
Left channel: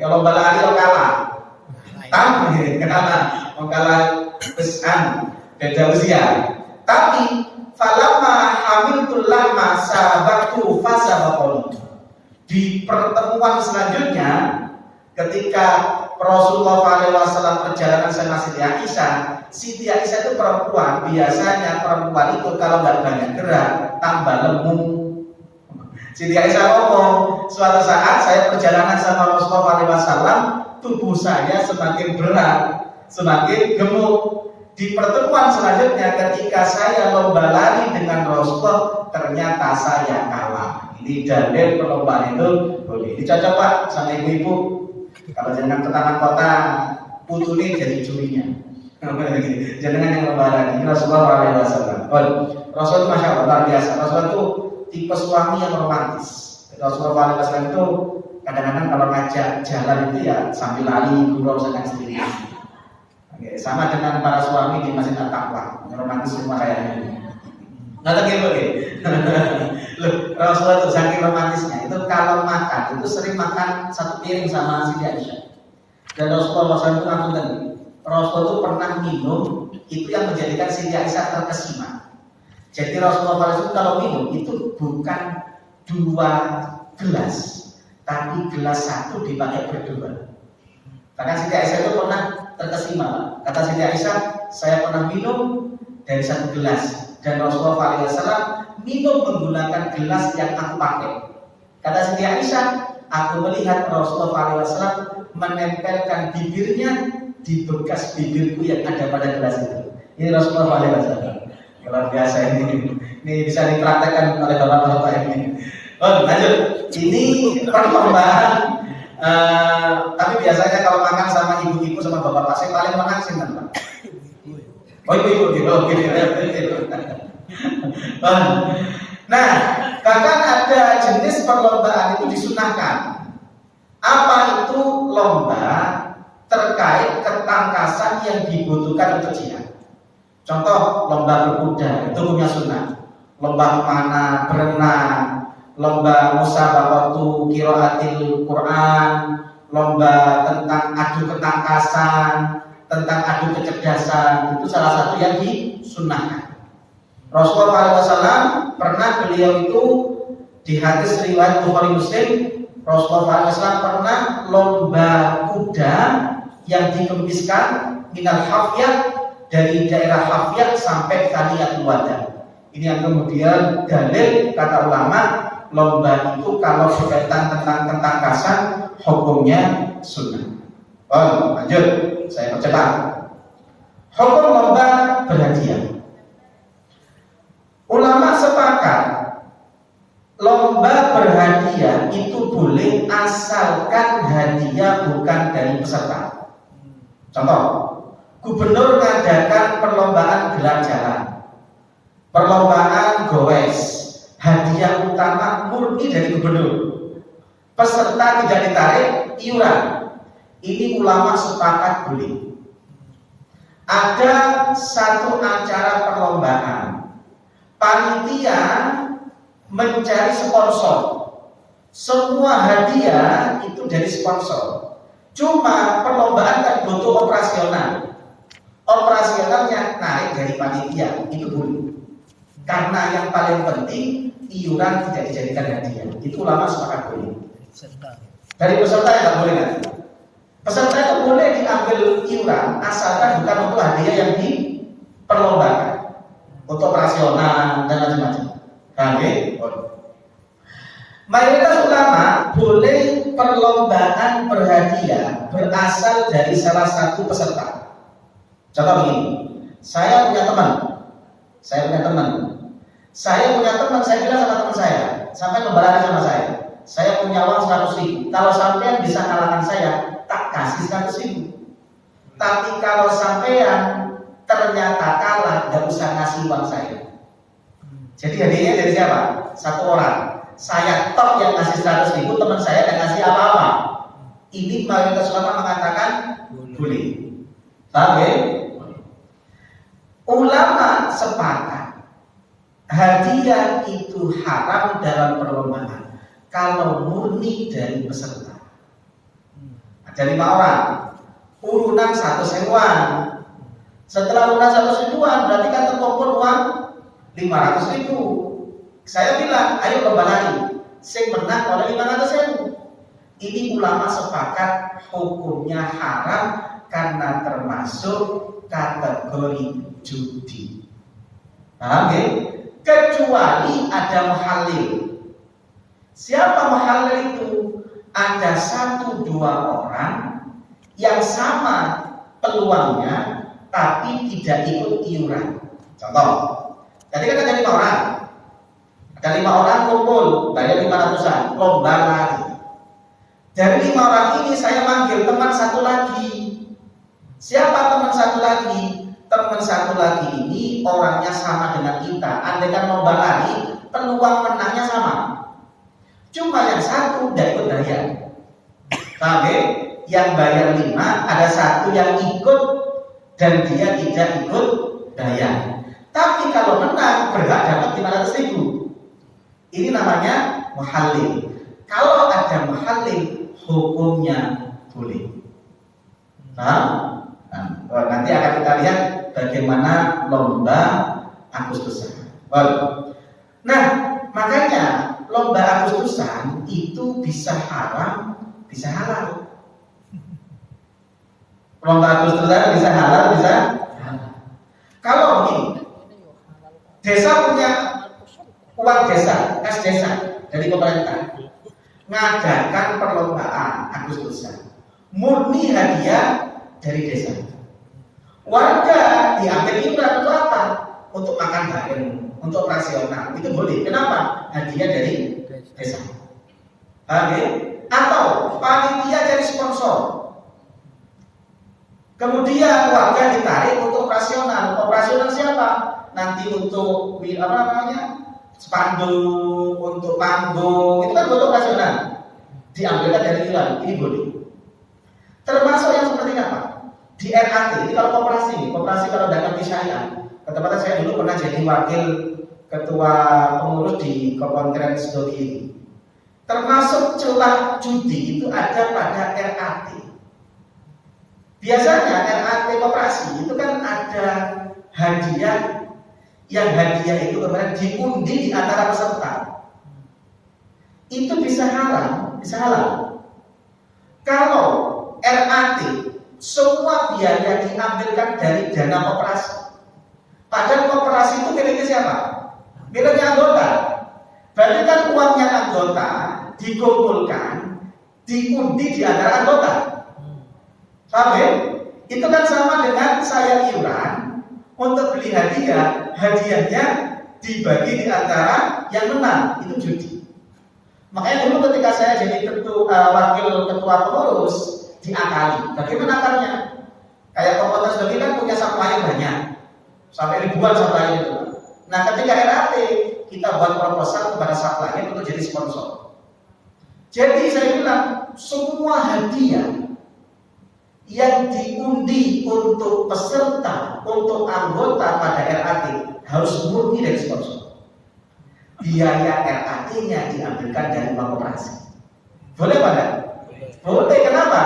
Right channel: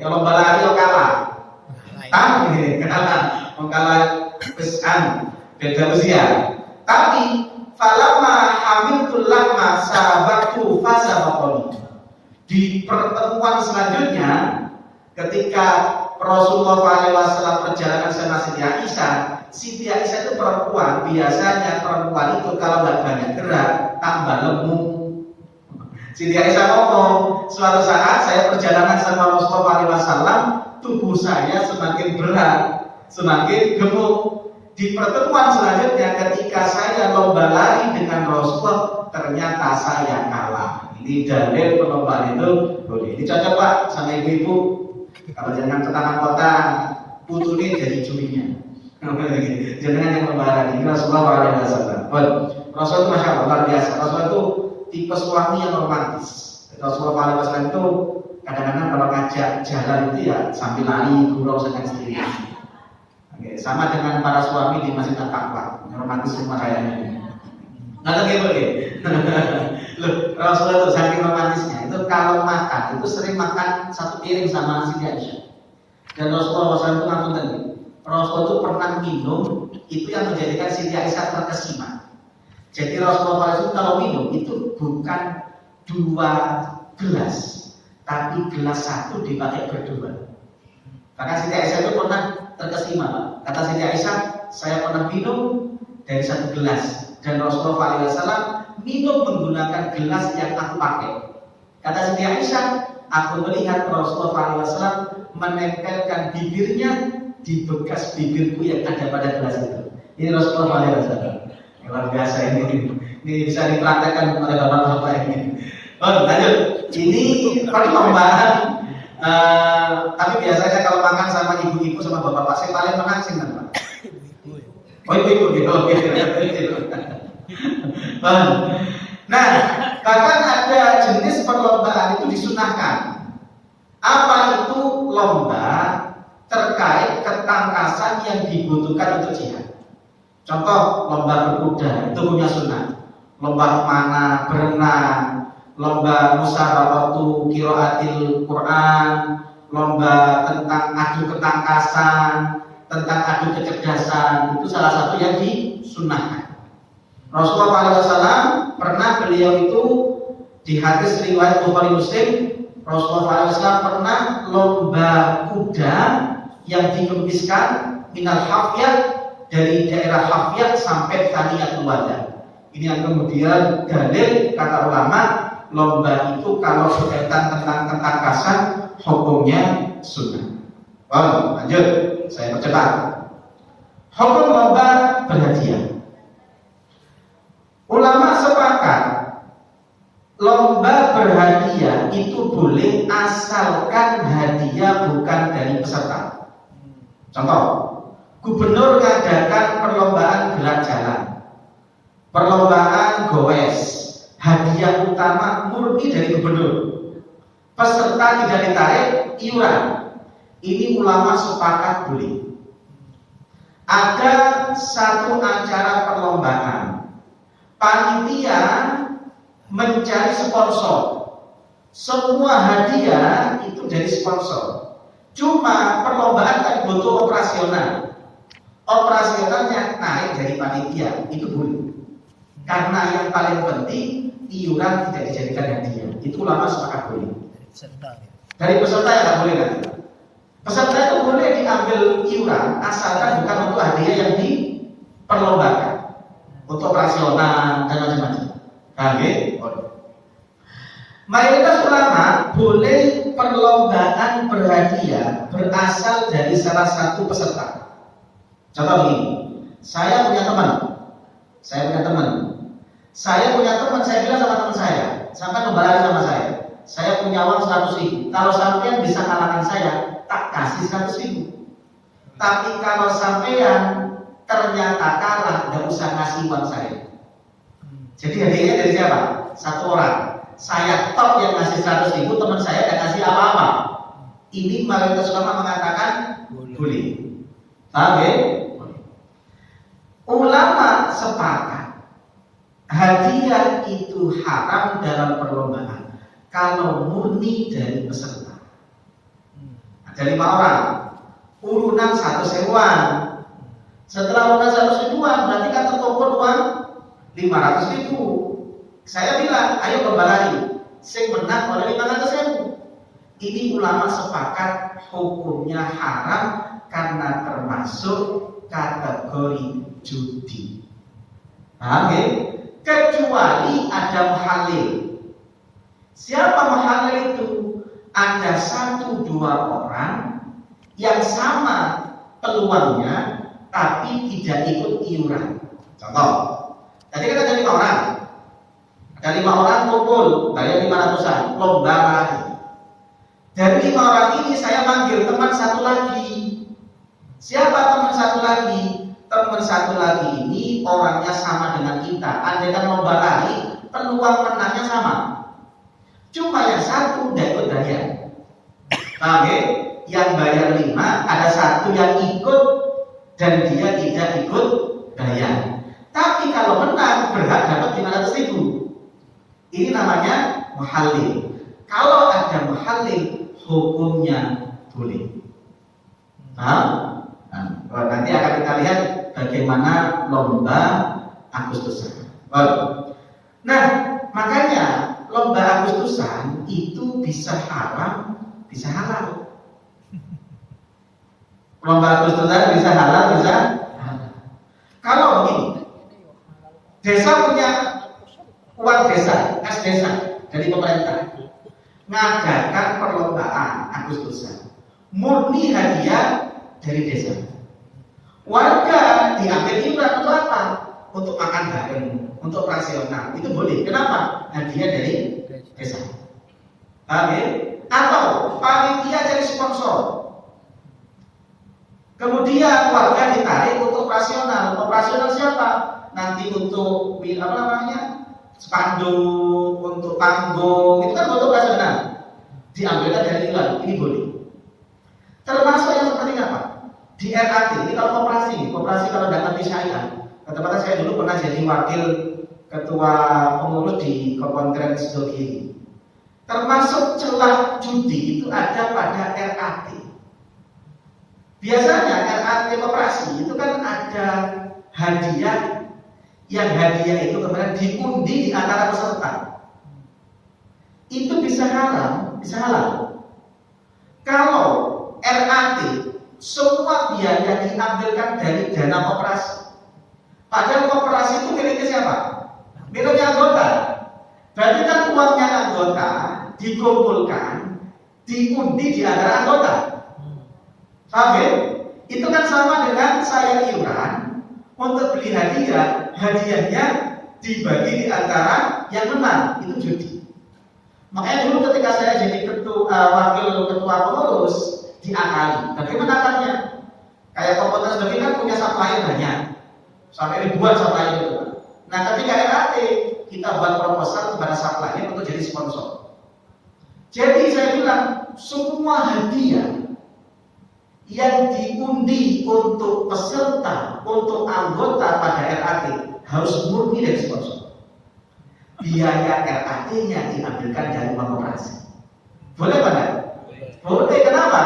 Ya lomba lari lo kalah. Tahu nih, kenapa? Mau kalah pesan beda usia. Tapi falamma hamiltu lama sabaqtu fasabaqani. Di pertemuan selanjutnya ketika Rasulullah SAW perjalanan sama Siti Aisyah, Siti Aisyah itu perempuan, biasanya perempuan itu kalau nggak banyak gerak tambah lemu. Siti Aisyah ngomong, suatu saat saya perjalanan sama Rasulullah SAW, tubuh saya semakin berat, semakin gemuk. Di pertemuan selanjutnya ketika saya lomba lari dengan Rasulullah, ternyata saya kalah. Ini dalil perlombaan itu boleh. Ini cocok Pak sama ibu-ibu. Kalau jangan ke taman kota, putune jadi jurinya. Jangan yang lomba lari. Ini Rasulullah SAW. Rasul masya Allah luar biasa. Rasul itu tipe suami yang romantis. Rasulullah SAW itu kadang-kadang kalau ngajak jalan itu ya sambil lari gurau dengan sendiri. Oke, sama dengan para suami di Masjid At-Taqwa, romantis rumah kayaknya. Nggak lagi boleh. Loh, Rasulullah itu saking romantisnya itu kalau makan itu sering makan satu piring sama Siti Aisyah. Dan Rasulullah SAW itu langsung tadi, Rasulullah itu pernah minum itu yang menjadikan Siti Aisyah terkesima. Jadi Rasulullah SAW kalau minum itu bukan 2 gelas, tapi gelas 1 dipakai berdua. Bahkan Siti Aisyah itu pernah terkesima. Kata Siti Aisyah, saya pernah minum dari 1 gelas dan Rasulullah SAW minum menggunakan gelas yang aku pakai. Kata Siti Aisyah, aku melihat Rasulullah SAW menempelkan bibirnya di bekas bibirku yang ada pada gelas itu. Ini Rasulullah SAW. Luar biasa ini. Ini bisa dipraktekkan oleh bapak-bapak ini. Oh, lanjut. Ini perlombaan. Tapi biasanya kalau makan sama ibu-ibu sama bapak-bapak, saya paling makan sih Pak. Oh, ibu-ibu. Oke. Nah, bahkan ada jenis perlombaan itu disunahkan. Apa itu lomba terkait ketangkasan yang dibutuhkan untuk jihad? Contoh lomba berkuda itu punya sunnah. Lomba mana berenang, lomba musabaqatu qiraatil Quran, lomba tentang adu ketangkasan, tentang adu kecerdasan, itu salah satu yang disunahkan. Rasulullah SAW pernah beliau itu di hadis riwayat Bukhari Muslim, Rasulullah SAW pernah lomba kuda yang dikembiskan minal hafiyah dari daerah hafiyah sampai Thaniyatul Wada. Ini yang kemudian dalil kata ulama lomba itu kalau berkaitan tentang ketangkasan hukumnya sunnah. Oh, lanjut, saya percepat. Hukum lomba berhadiah. Ulama sepakat lomba berhadiah itu boleh asalkan hadiah bukan dari peserta. Contoh, gubernur mengadakan perlombaan gerak jalan, perlombaan goes, hadiah utama murni dari gubernur, peserta tidak ditarik iuran. Ini ulama sepakat boleh. Ada satu acara perlombaan, panitia mencari sponsor, semua hadiah itu dari sponsor. Cuma perlombaan kan butuh operasional, operasionalnya naik dari panitia, itu boleh. Karena yang paling penting iuran tidak dijadikan hadiah, itu ulama sepakat boleh. Dari peserta ya nggak boleh kan? Peserta itu boleh diambil iuran asalkan bukan untuk hadiah yang diperlombakan, untuk operasional dan macam-macam. Oke. Mayoritas ulama boleh perlombaan berhadiah berasal dari salah satu peserta. Contoh begini, saya punya teman, saya bilang sama teman saya, sampai membalas sama saya punya uang 100.000. Kalau sampean bisa kalahkan saya, tak kasih 100.000. Tapi kalau sampean ternyata kalah, nggak usah ngasih uang saya. Jadi hadiahnya dari siapa? Satu orang. Saya top yang ngasih 100.000, teman saya tidak ngasih apa-apa. Ini mayoritas ulama mengatakan boleh. Paham ya? Ulama sepakat hadiah itu haram dalam perlombaan kalau murni dari peserta. Ada 5 orang, urunan 100.000-an. Setelah urunan 100.000-an berarti kan terkumpul uang 500.000. Saya bilang, ayo lomba lagi. Sing menang oleh 500.000. Ini ulama sepakat hukumnya haram karena termasuk kategori judi. Paham ya? Kecuali ada muhalil. Siapa muhalil itu? Ada 1-2 orang yang sama peluangnya tapi tidak ikut iuran. Contoh, tadi kan ada 5 orang. Ada 5 orang kumpul, bayar 500-an, lomba lagi. Dari 5 orang ini saya manggil teman satu lagi. Siapa teman satu lagi? Teman satu lagi ini orangnya sama dengan kita. Andai kan lomba lagi, peluang menangnya sama. Cuma yang satu tidak ikut bayar. Paham ya? Yang bayar 5, ada satu yang ikut dan dia tidak ikut bayar. Tapi kalau menang berhak dapat 500.000. Ini namanya muhalil. Kalau ada muhalil, hukumnya boleh. Nah, nanti akan kita lihat bagaimana lomba Agustusan. Nah, makanya lomba Agustusan itu bisa haram, bisa halal. Lomba Agustusan bisa halal, bisa halal. Kalau begini, desa punya uang desa, kas desa dari pemerintah, ngadakan perlombaan Agustusan, murni hadiah dari desa. Warga diambil iuran untuk apa? untuk makan bareng, untuk operasional itu boleh. Kenapa? Hadiah dari desa. Paham ya? Atau panitia jadi sponsor. Kemudian warga ditarik untuk operasional. Operasional siapa? Nanti untuk apa namanya? Spanduk, untuk panggung, itu kan untuk operasional. Diambilkan dari iuran, ini boleh. Termasuk yang seperti apa? Di RAT, ini kalau koperasi kalau tidak nanti syariah. Ketepatan saya dulu pernah jadi wakil ketua pengurus di Kementerian Sedoki. Termasuk celah judi itu ada pada RAT. Biasanya RAT koperasi itu kan ada hadiah, yang hadiah itu kemudian diundi di antara peserta. Itu bisa halal, kalau RAT semua biaya diambilkan dari dana koperasi. Padahal koperasi itu miliknya siapa? Miliknya anggota. Berarti kan uangnya anggota dikumpulkan, diundi di antara anggota. Paham ya? Itu kan sama dengan saya iuran untuk beli hadiah, hadiahnya dibagi di antara yang menang, itu judi. Makanya dulu ketika saya jadi wakil ketua pengurus diakali. Bagaimana akalnya? Kayak komunitas bagi kan punya supply banyak, sampai ribuan supply itu. Nah ketika RAT kita buat proposal kepada supply untuk jadi sponsor. Jadi saya bilang semua hadiah yang diundi untuk peserta, untuk anggota pada RAT harus murni dari sponsor. Biaya RAT-nya diambilkan dari koperasi. Boleh Pak? Boleh. Kenapa?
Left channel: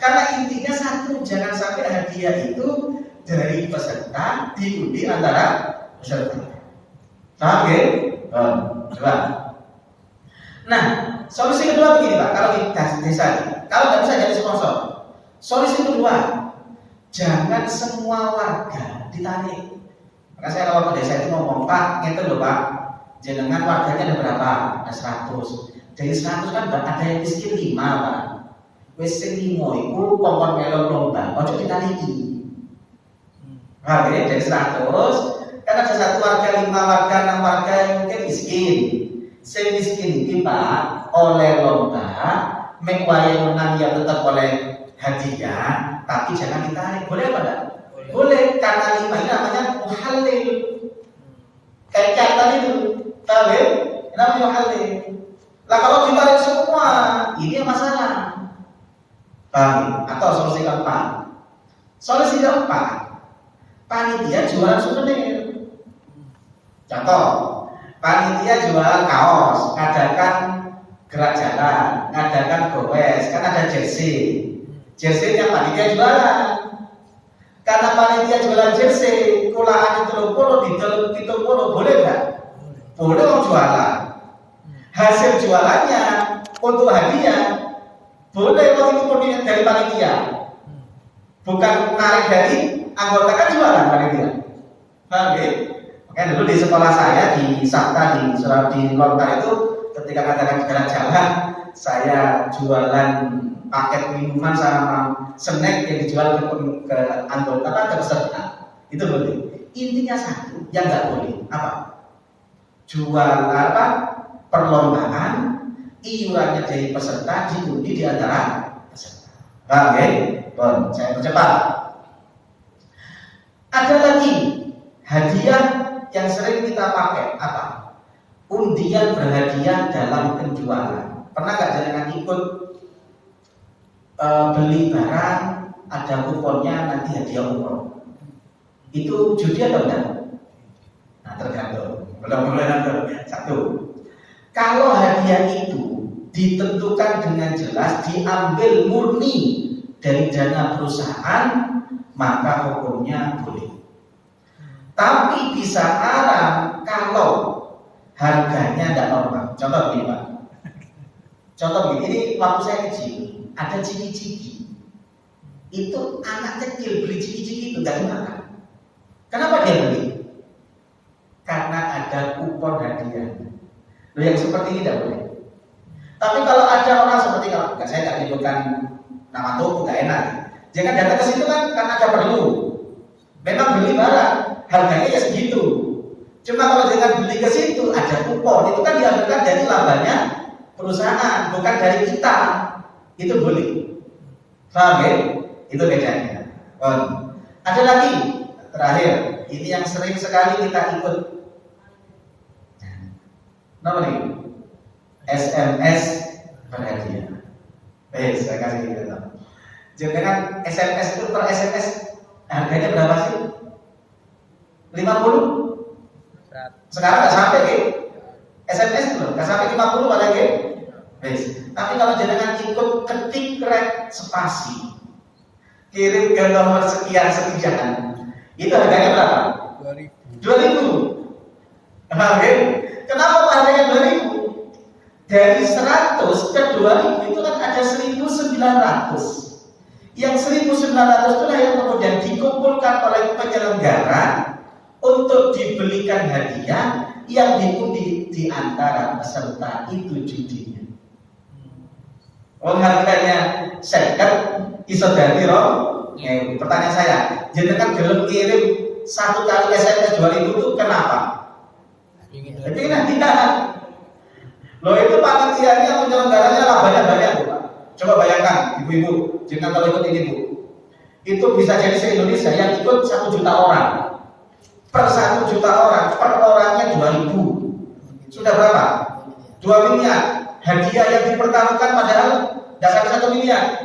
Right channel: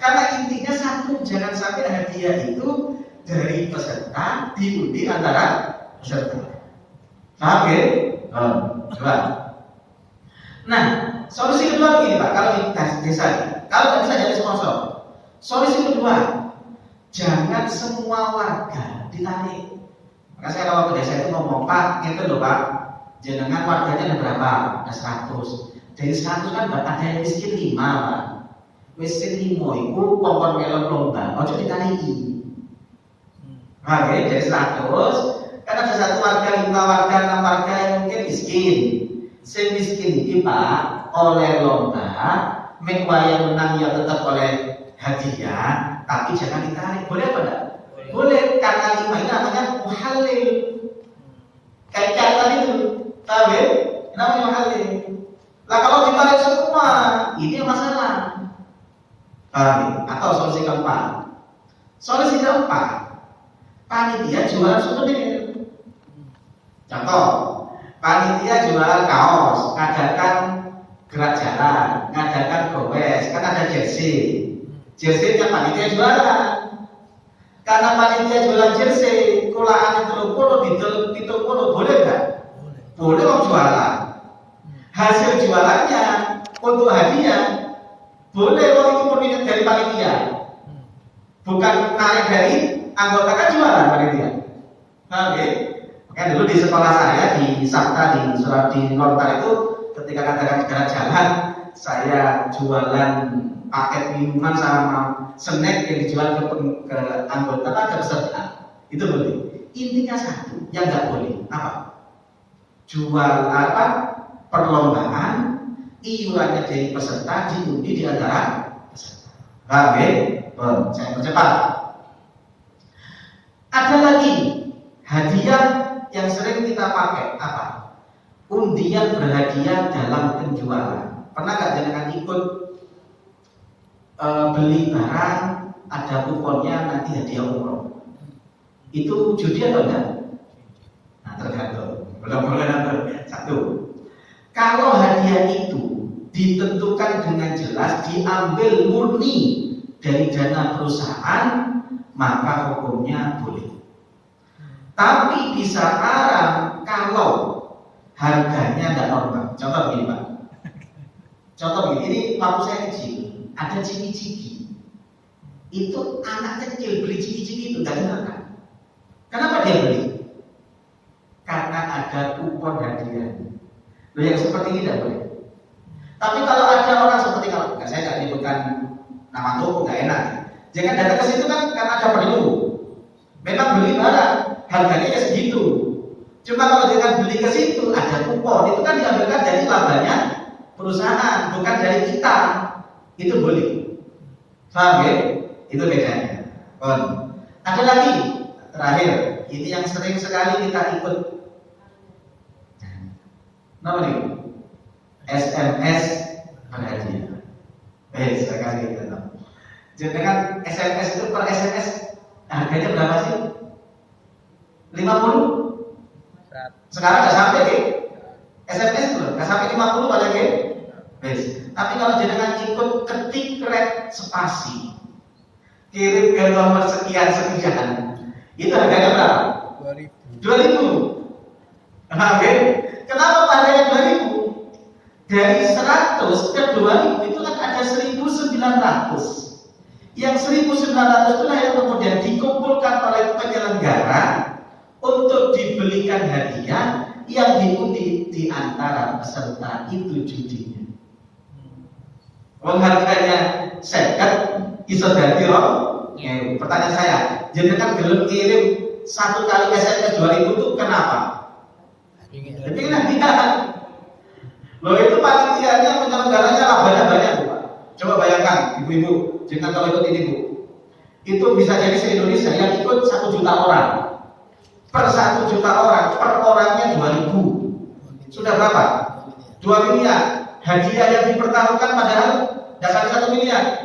Karena intinya satu, jangan sampai hadiah itu dari peserta diundi antara peserta. Paham ya? Coba. Nah, solusi kedua begini Pak, kalau di desa, kalau nggak bisa jadi sponsor. Solusi kedua, jangan semua warga ditarik. Maka saya kalau ke desa itu ngomong, Pak, gitu loh Pak, jenengan warganya ada berapa? Ada 100. Dari 100 kan ada yang miskin 5 Pak. Wis sing 5 iku kongkon melon lomba, ojo ditariki. Nah, dari 100 kan ada 1 warga, 5 warga, 6 warga yang mungkin miskin. Sing miskin iki Pak oleh lomba, mek wae menang ya tetap oleh hadiah, tapi jangan ditarik. Boleh apa enggak? Boleh, karena 5 ini namanya muhalil. Kayak tadi itu, tahu ya? Namanya muhalil. Lah kalau ditarik semua, ini masalah. Paham? Atau solusi keempat. Solusi keempat, panitia jualan souvenir. Contoh, panitia jualan kaos, ngadakan gerak jalan, ngadakan gowes, kan ada jersey. Jersey-nya panitia jualan. Karena panitia jualan jersey, kulaan itu boleh nggak? Boleh mau jualan. Hasil jualannya untuk hadiah boleh kalau itu murni dari panitia. Bukan narik dari anggota, kan jualan panitia. Paham ya? Makanya dulu di sekolah saya di Sakta di Lontar itu ketika katakan gerak jalan, saya jualan paket minuman sama snack yang dijual ke anggota kan peserta. Itu boleh. Intinya satu, yang nggak boleh apa? Jual apa? Perlombaan, iurannya dari peserta diundi di antara peserta. Paham ya? Saya percepat. Ada lagi hadiah yang sering kita pakai apa? Undian berhadiah dalam penjualan. Pernah nggak jangan ikut beli barang ada kuponnya nanti hadiah umroh? Itu judi atau enggak? Nah tergantung. Belum satu. Kalau hadiah itu ditentukan dengan jelas diambil murni dari dana perusahaan, maka hukumnya boleh. Tapi bisa haram kalau harganya tidak normal. Contoh begini Pak. Contoh begini, ini waktu saya kecil ada ciki-ciki. Itu anak kecil beli ciki-ciki itu tidak makan. Kenapa dia beli? Karena ada kupon hadiah. Loh, yang seperti ini tidak boleh. Tapi kalau ada orang seperti kalau saya tidak menyebutkan nama toko, nggak enak. Jangan datang ke situ kan karena ada perlu. Memang beli barang, harganya ya segitu. Cuma kalau dengan beli ke situ ada kupon, itu kan diambilkan dari labanya perusahaan, bukan dari kita. Itu boleh. Paham ya? Itu bedanya. Ada lagi terakhir, ini yang sering sekali kita ikut. Nama nih? SMS berhadiah. Saya kasih gitu. Jadi dengan SMS itu per SMS harganya berapa sih? 50? Sekarang nggak sampai ke SMS itu, nggak sampai 50 paling ke. Tapi kalau jangan ikut ketik rek spasi, kirim ke nomor sekian itu harganya berapa? 2.000. Oke. Kenapa harganya 2.000? Dari 100 ke 2.000 itu kan ada 1.900. Yang 1.900 itulah yang kemudian dikumpulkan oleh penyelenggara untuk dibelikan hadiah yang diundi di antara peserta itu judinya. Harganya seket iso dadi pertanyaan saya, jenengan gelem kirim satu kali SMS 2.000 itu kenapa? Pengen hadiah. Loh itu panitianya penyelenggaranya labanya banyak, Bu. Coba bayangkan, ibu-ibu, jangan kalau ikut ini, Bu. Itu bisa jadi se-Indonesia yang ikut 1 juta orang. Per 1 juta orang, per orangnya 2.000. Sudah berapa? 2 miliar. Hadiah yang dipertaruhkan padahal dasar 1 miliar.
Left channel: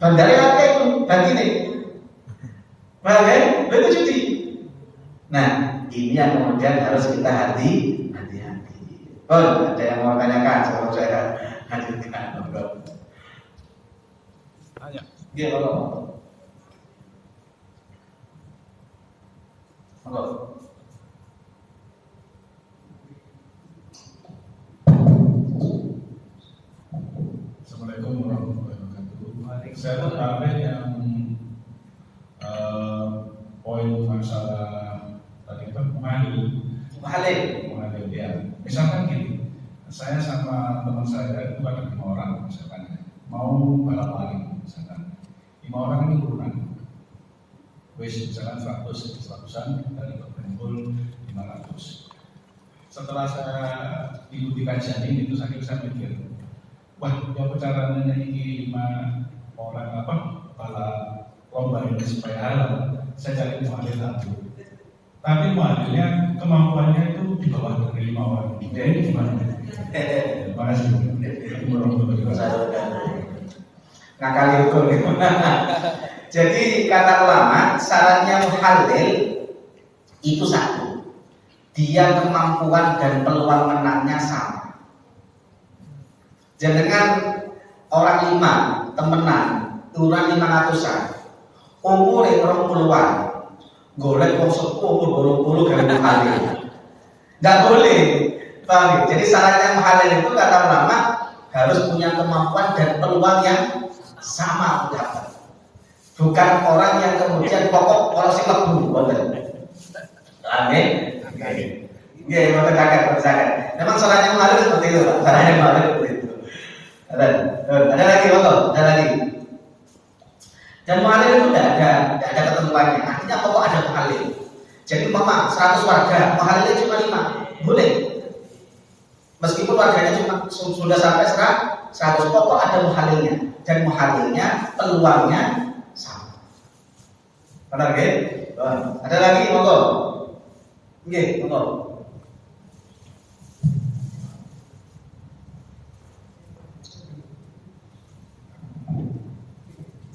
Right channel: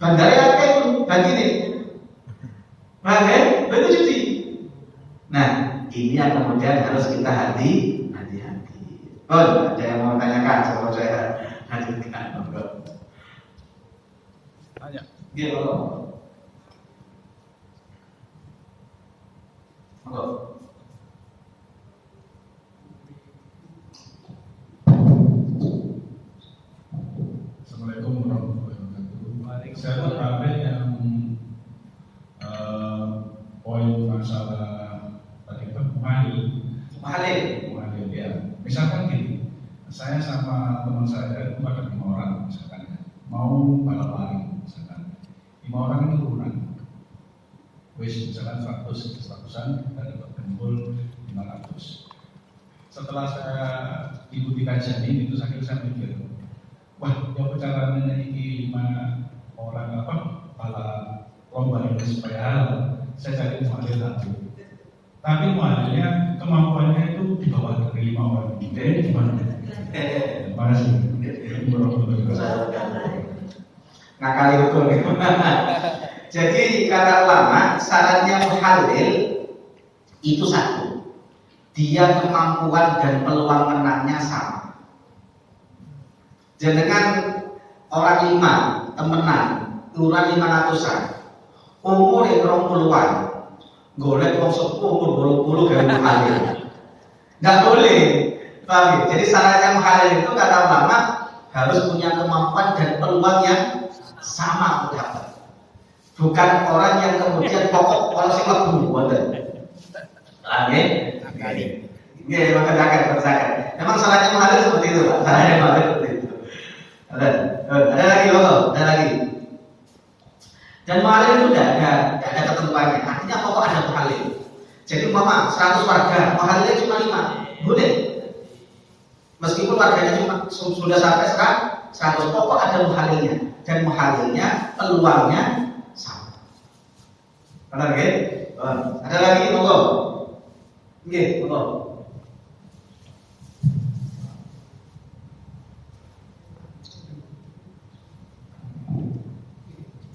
Bandara apa itu? Ganti nih. Bagai, itu judi. Nah, ini yang kemudian harus kita hati-hati. Ada yang mau tanyakan sebelum saya hadirkan? Iya, Assalamualaikum warahmatullahi wabarakatuh. Saya tertarik yang poin masalah tadi Muhalil ya. Misalkan gini, saya sama teman saya itu ada 5 orang misalkan ya, mau balapan misalkan 5 orang itu kurang, misalkan 100-an dan terkumpul 500. Setelah saya ikuti kajian ini, itu saya mikir, wah, ya caranya ini 5 orang balap lomba ini supaya halal, saya cari muhalil satu. Tapi muhalilnya kemampuannya itu di bawah dari 5 orang. Ini gimana? Terima kasih. Ngakali hukum itu. Jadi kata ulama, syaratnya muhalil itu satu, dia kemampuan dan peluang menangnya sama. Jangan orang 5 temenan, turun 500-an, umur 20-an, golek wong sepuh umur 20 kali muhalil. Nggak boleh, bang. Jadi syaratnya muhalil itu kata ulama harus punya kemampuan dan peluang yang sama, bukan orang yang kemudian pokok kalau si lebu, betul. Amin. Iya, itu terkait percaya. Memang syaratnya muhalil seperti itu, syaratnya muhalil seperti itu. Ada lagi, ada lagi. Dan muhalil itu tidak ada ketentuannya. Artinya pokok ada muhalil. Jadi mama 100 warga, muhalilnya cuma 5, boleh. Meskipun warganya cuma sudah sampai 100, pokok ada muhalilnya. Dan muhalilnya peluangnya sama. Benar ya? Ada lagi, monggo. Nggih, monggo.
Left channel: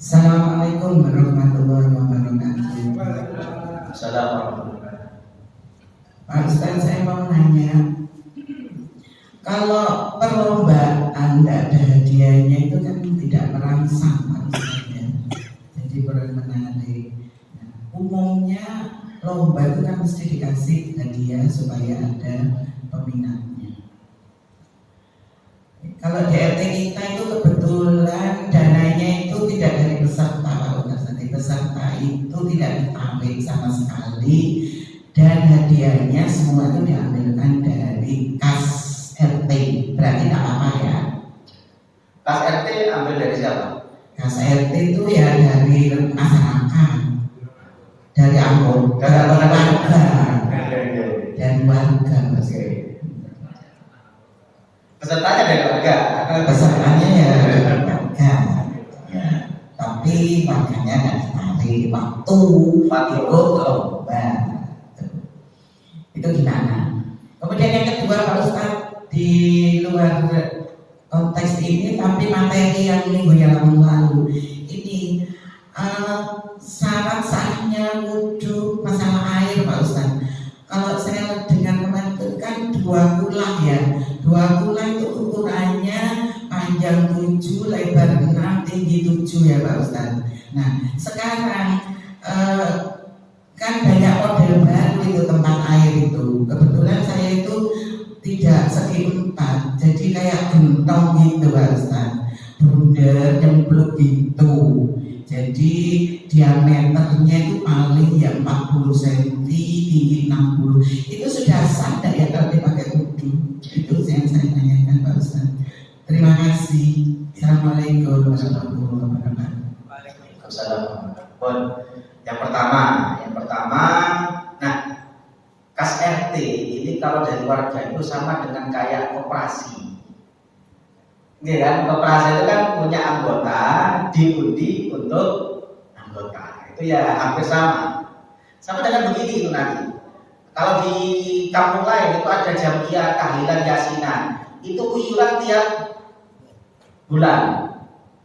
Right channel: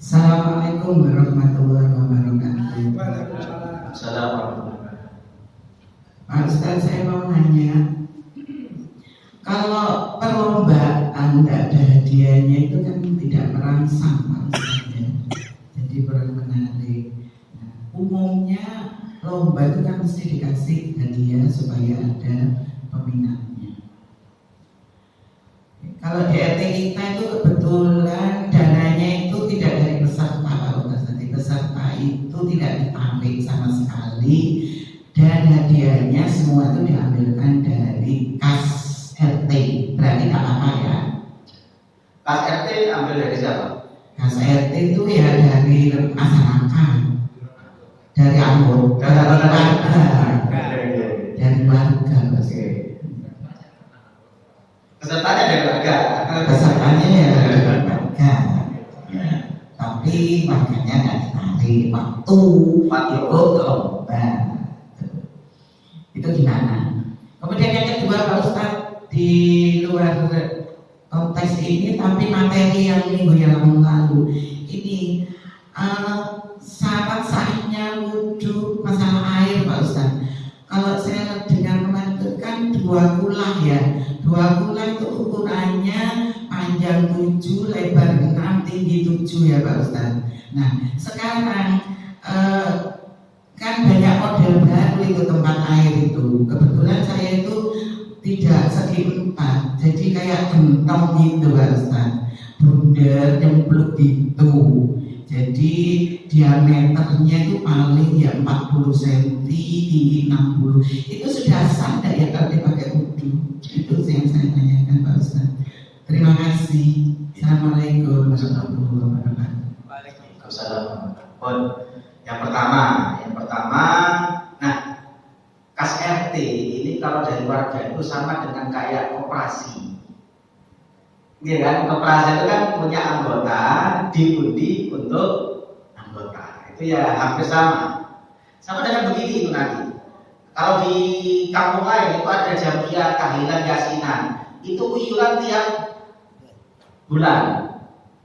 Assalamualaikum warahmatullahi wabarakatuh. Assalamualaikum. Pak Ustaz, saya mau nanya, kalau perlombaan tidak ada hadiahnya itu kan tidak merangsang, Pak Ustaz, ya. Jadi kurang menarik. Nah, umumnya lomba itu kan mesti dikasih hadiah supaya ada peminatnya. Kalau di RT kita itu kebetulan dananya itu tidak dari peserta, kalau nanti peserta itu tidak ditarik sama sekali, dan hadiahnya semua itu diambilkan dari kas RT. Berarti tak apa ya? Kas RT ambil dari siapa? Kas RT itu ya dari masyarakat, dari anggota, dari warga, dari keluarga Mas. Pesertanya dari warga. Pesertanya ya dari keluarga. Ya. Tapi makanya nggak ditarik waktu ikut lomba. Itu gimana? Kemudian yang kedua Pak Ustadz, di luar konteks ini tapi materi yang minggu yang lalu ini syarat sahnya wudhu masalah air Pak Ustadz. Kalau saya dengar kemarin itu kan 2 kulah ya, 2 kulah itu ukurannya panjang 7, lebar 6, tinggi 7 ya Pak Ustadz. Nah sekarang kan banyak model baru itu tempat air itu. Kebetulan saya itu tidak segi 4, jadi kayak gentong gitu Pak Ustadz, bundar nyemplung gitu. Jadi diameternya itu paling ya 40 cm, tinggi 60. Itu sudah sah nggak ya kalau dipakai wudhu? Itu yang saya tanyakan Pak Ustadz. Terima kasih. Assalamualaikum warahmatullahi wabarakatuh. Waalaikumsalam. Yang pertama, nah kas RT ini kalau dari warga itu sama dengan kayak koperasi. Ini kan koperasi itu kan punya anggota, diundi untuk anggota. Itu ya hampir sama. Sama dengan begini itu nanti. Kalau di kampung lain itu ada jamiah, tahlilan, yasinan. Itu iuran tiap bulan.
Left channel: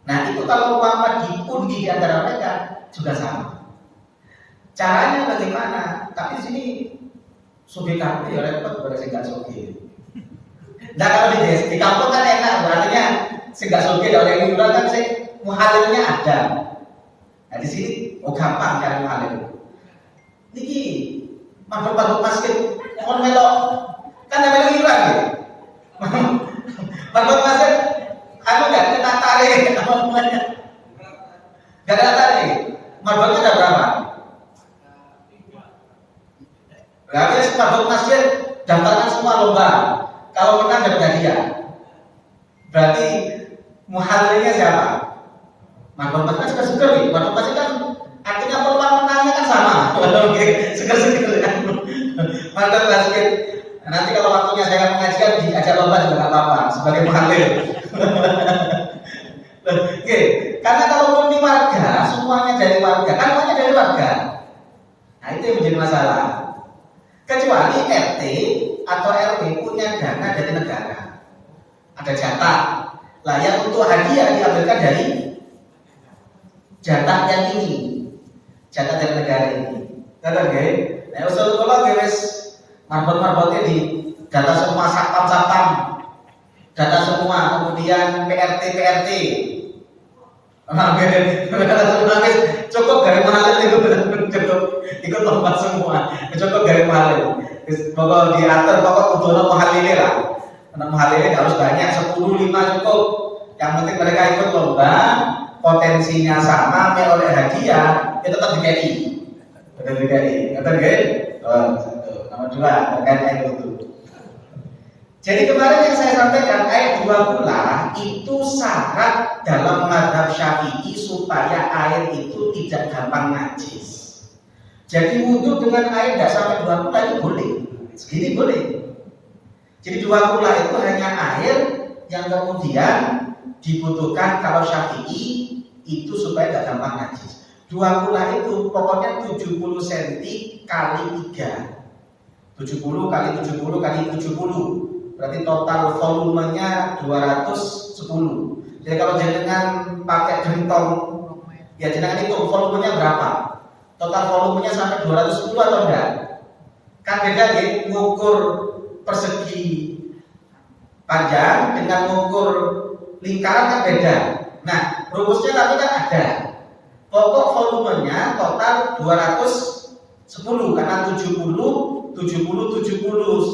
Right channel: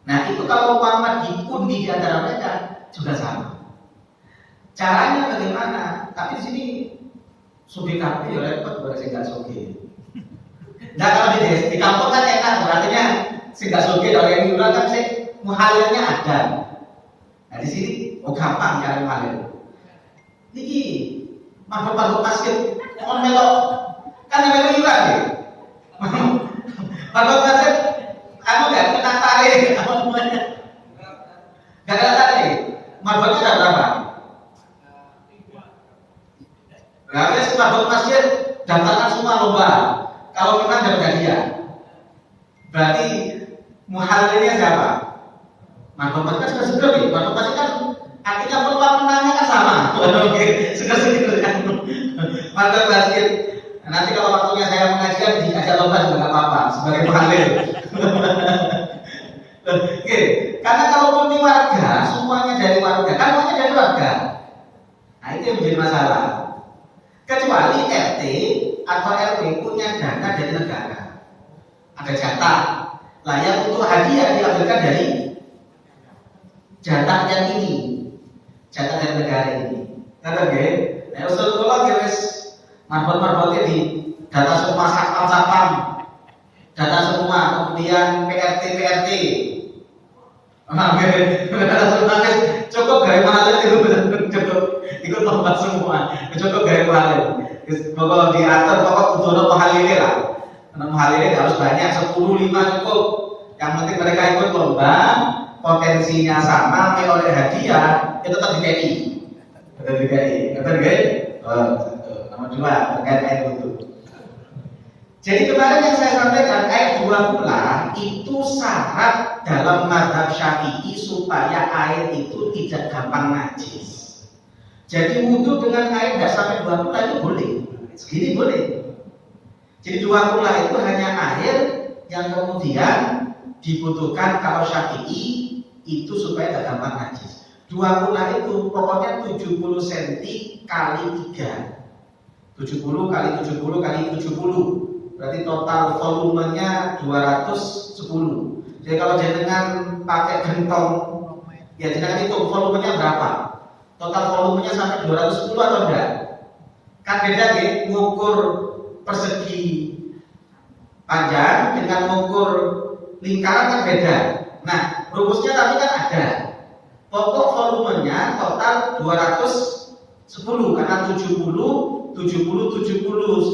Nah itu kalau umpama diundi di antara mereka juga sama. Caranya bagaimana? Tapi di sini sugi kampung ya repot kalau saya nggak sugi. Nah kalau di kampung kan enak, berarti nggak sugi kalau yang iuran kan sih muhalilnya ada. Nah di sini gampang cara muhalil. Ini mabuk masjid, orang melok kan ada iuran ya. Mabuk masjid, nggak kena tarik, nggak kena tarik. Mabuknya ada berapa? Berarti mabuk masjid daftarkan semua lomba. Kalau kita dapat hadiah, berarti muhalilnya siapa? Mabuk masjid kan seger nih. Mabuk masjid kan artinya peluang menangnya kan sama. Oke, seger kan. Mabuk masjid. Nanti kalau waktunya saya mengajikan diajak lomba juga nggak apa-apa sebagai muhalil. Oke, karena kalau di warga semuanya dari warga, kan semuanya dari warga. Nah itu yang menjadi masalah. Kecuali RT atau RW punya dana dari negara, ada jatah layak untuk hadiah diambilkan dari jatah yang ini, jatah dari negara ini. Karena nah usul kalau guys marbot-marbotnya di data semua satpam, data semua, kemudian PRT. Cukup dari mana itu cukup ikut lomba semua, cukup dari mana. Pokok diatur, pokok kudu muhalilnya lah. Muhalilnya harus banyak, 10, 5 cukup. Yang penting mereka ikut lomba, potensinya sama, oleh hadiah, itu tetap DKI. Ngerti nggih? Nomor 2 terkait air wudhu. Jadi kemarin yang saya sampaikan ayat 2 pula itu syarat dalam mazhab Syafi'i supaya air itu tidak gampang najis. Jadi wudhu dengan air tidak sampai 2 pula itu boleh, segini boleh. Jadi 2 pula itu hanya air yang kemudian dibutuhkan kalau Syafi'i itu supaya tidak gampang najis. 2 pula itu pokoknya 70 cm kali 3, 70 kali 70 kali 70. Berarti total volumenya 210. Jadi kalau jenengan pakai gentong, ya jenengan itu volumenya berapa? Total volumenya sampai 210 atau enggak? Kan beda nih, mengukur persegi panjang dengan mengukur lingkaran kan beda. Nah, rumusnya tapi kan ada. Pokok volumenya total 210 karena 70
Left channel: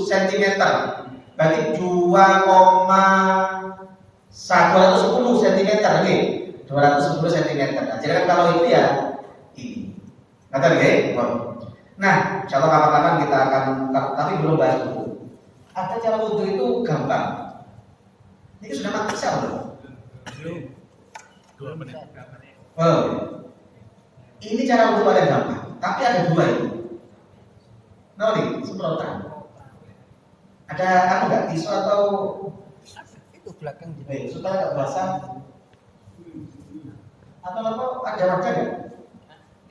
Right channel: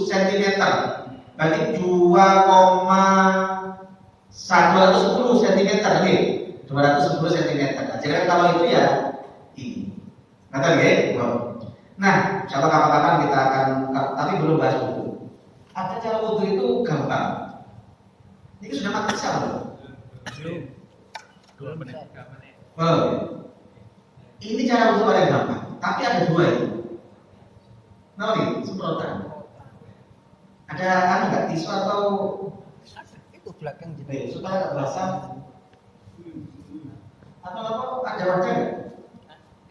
cm. Berarti 2,110 cm nih, 210 cm. Nah, jadi kalau itu ya ini. Ngerti nggih? Nah, contoh kapan-kapan kita akan, tapi belum bahas wudhu. Ada cara wudhu itu gampang. Ini sudah maksal loh. Ini cara wudhu paling gampang, tapi ada 2 ini. Nah nih, semprotan. Ada apa nggak tisu atau Itu belakang supaya nggak basah? Atau apa? Ada wadah nggak?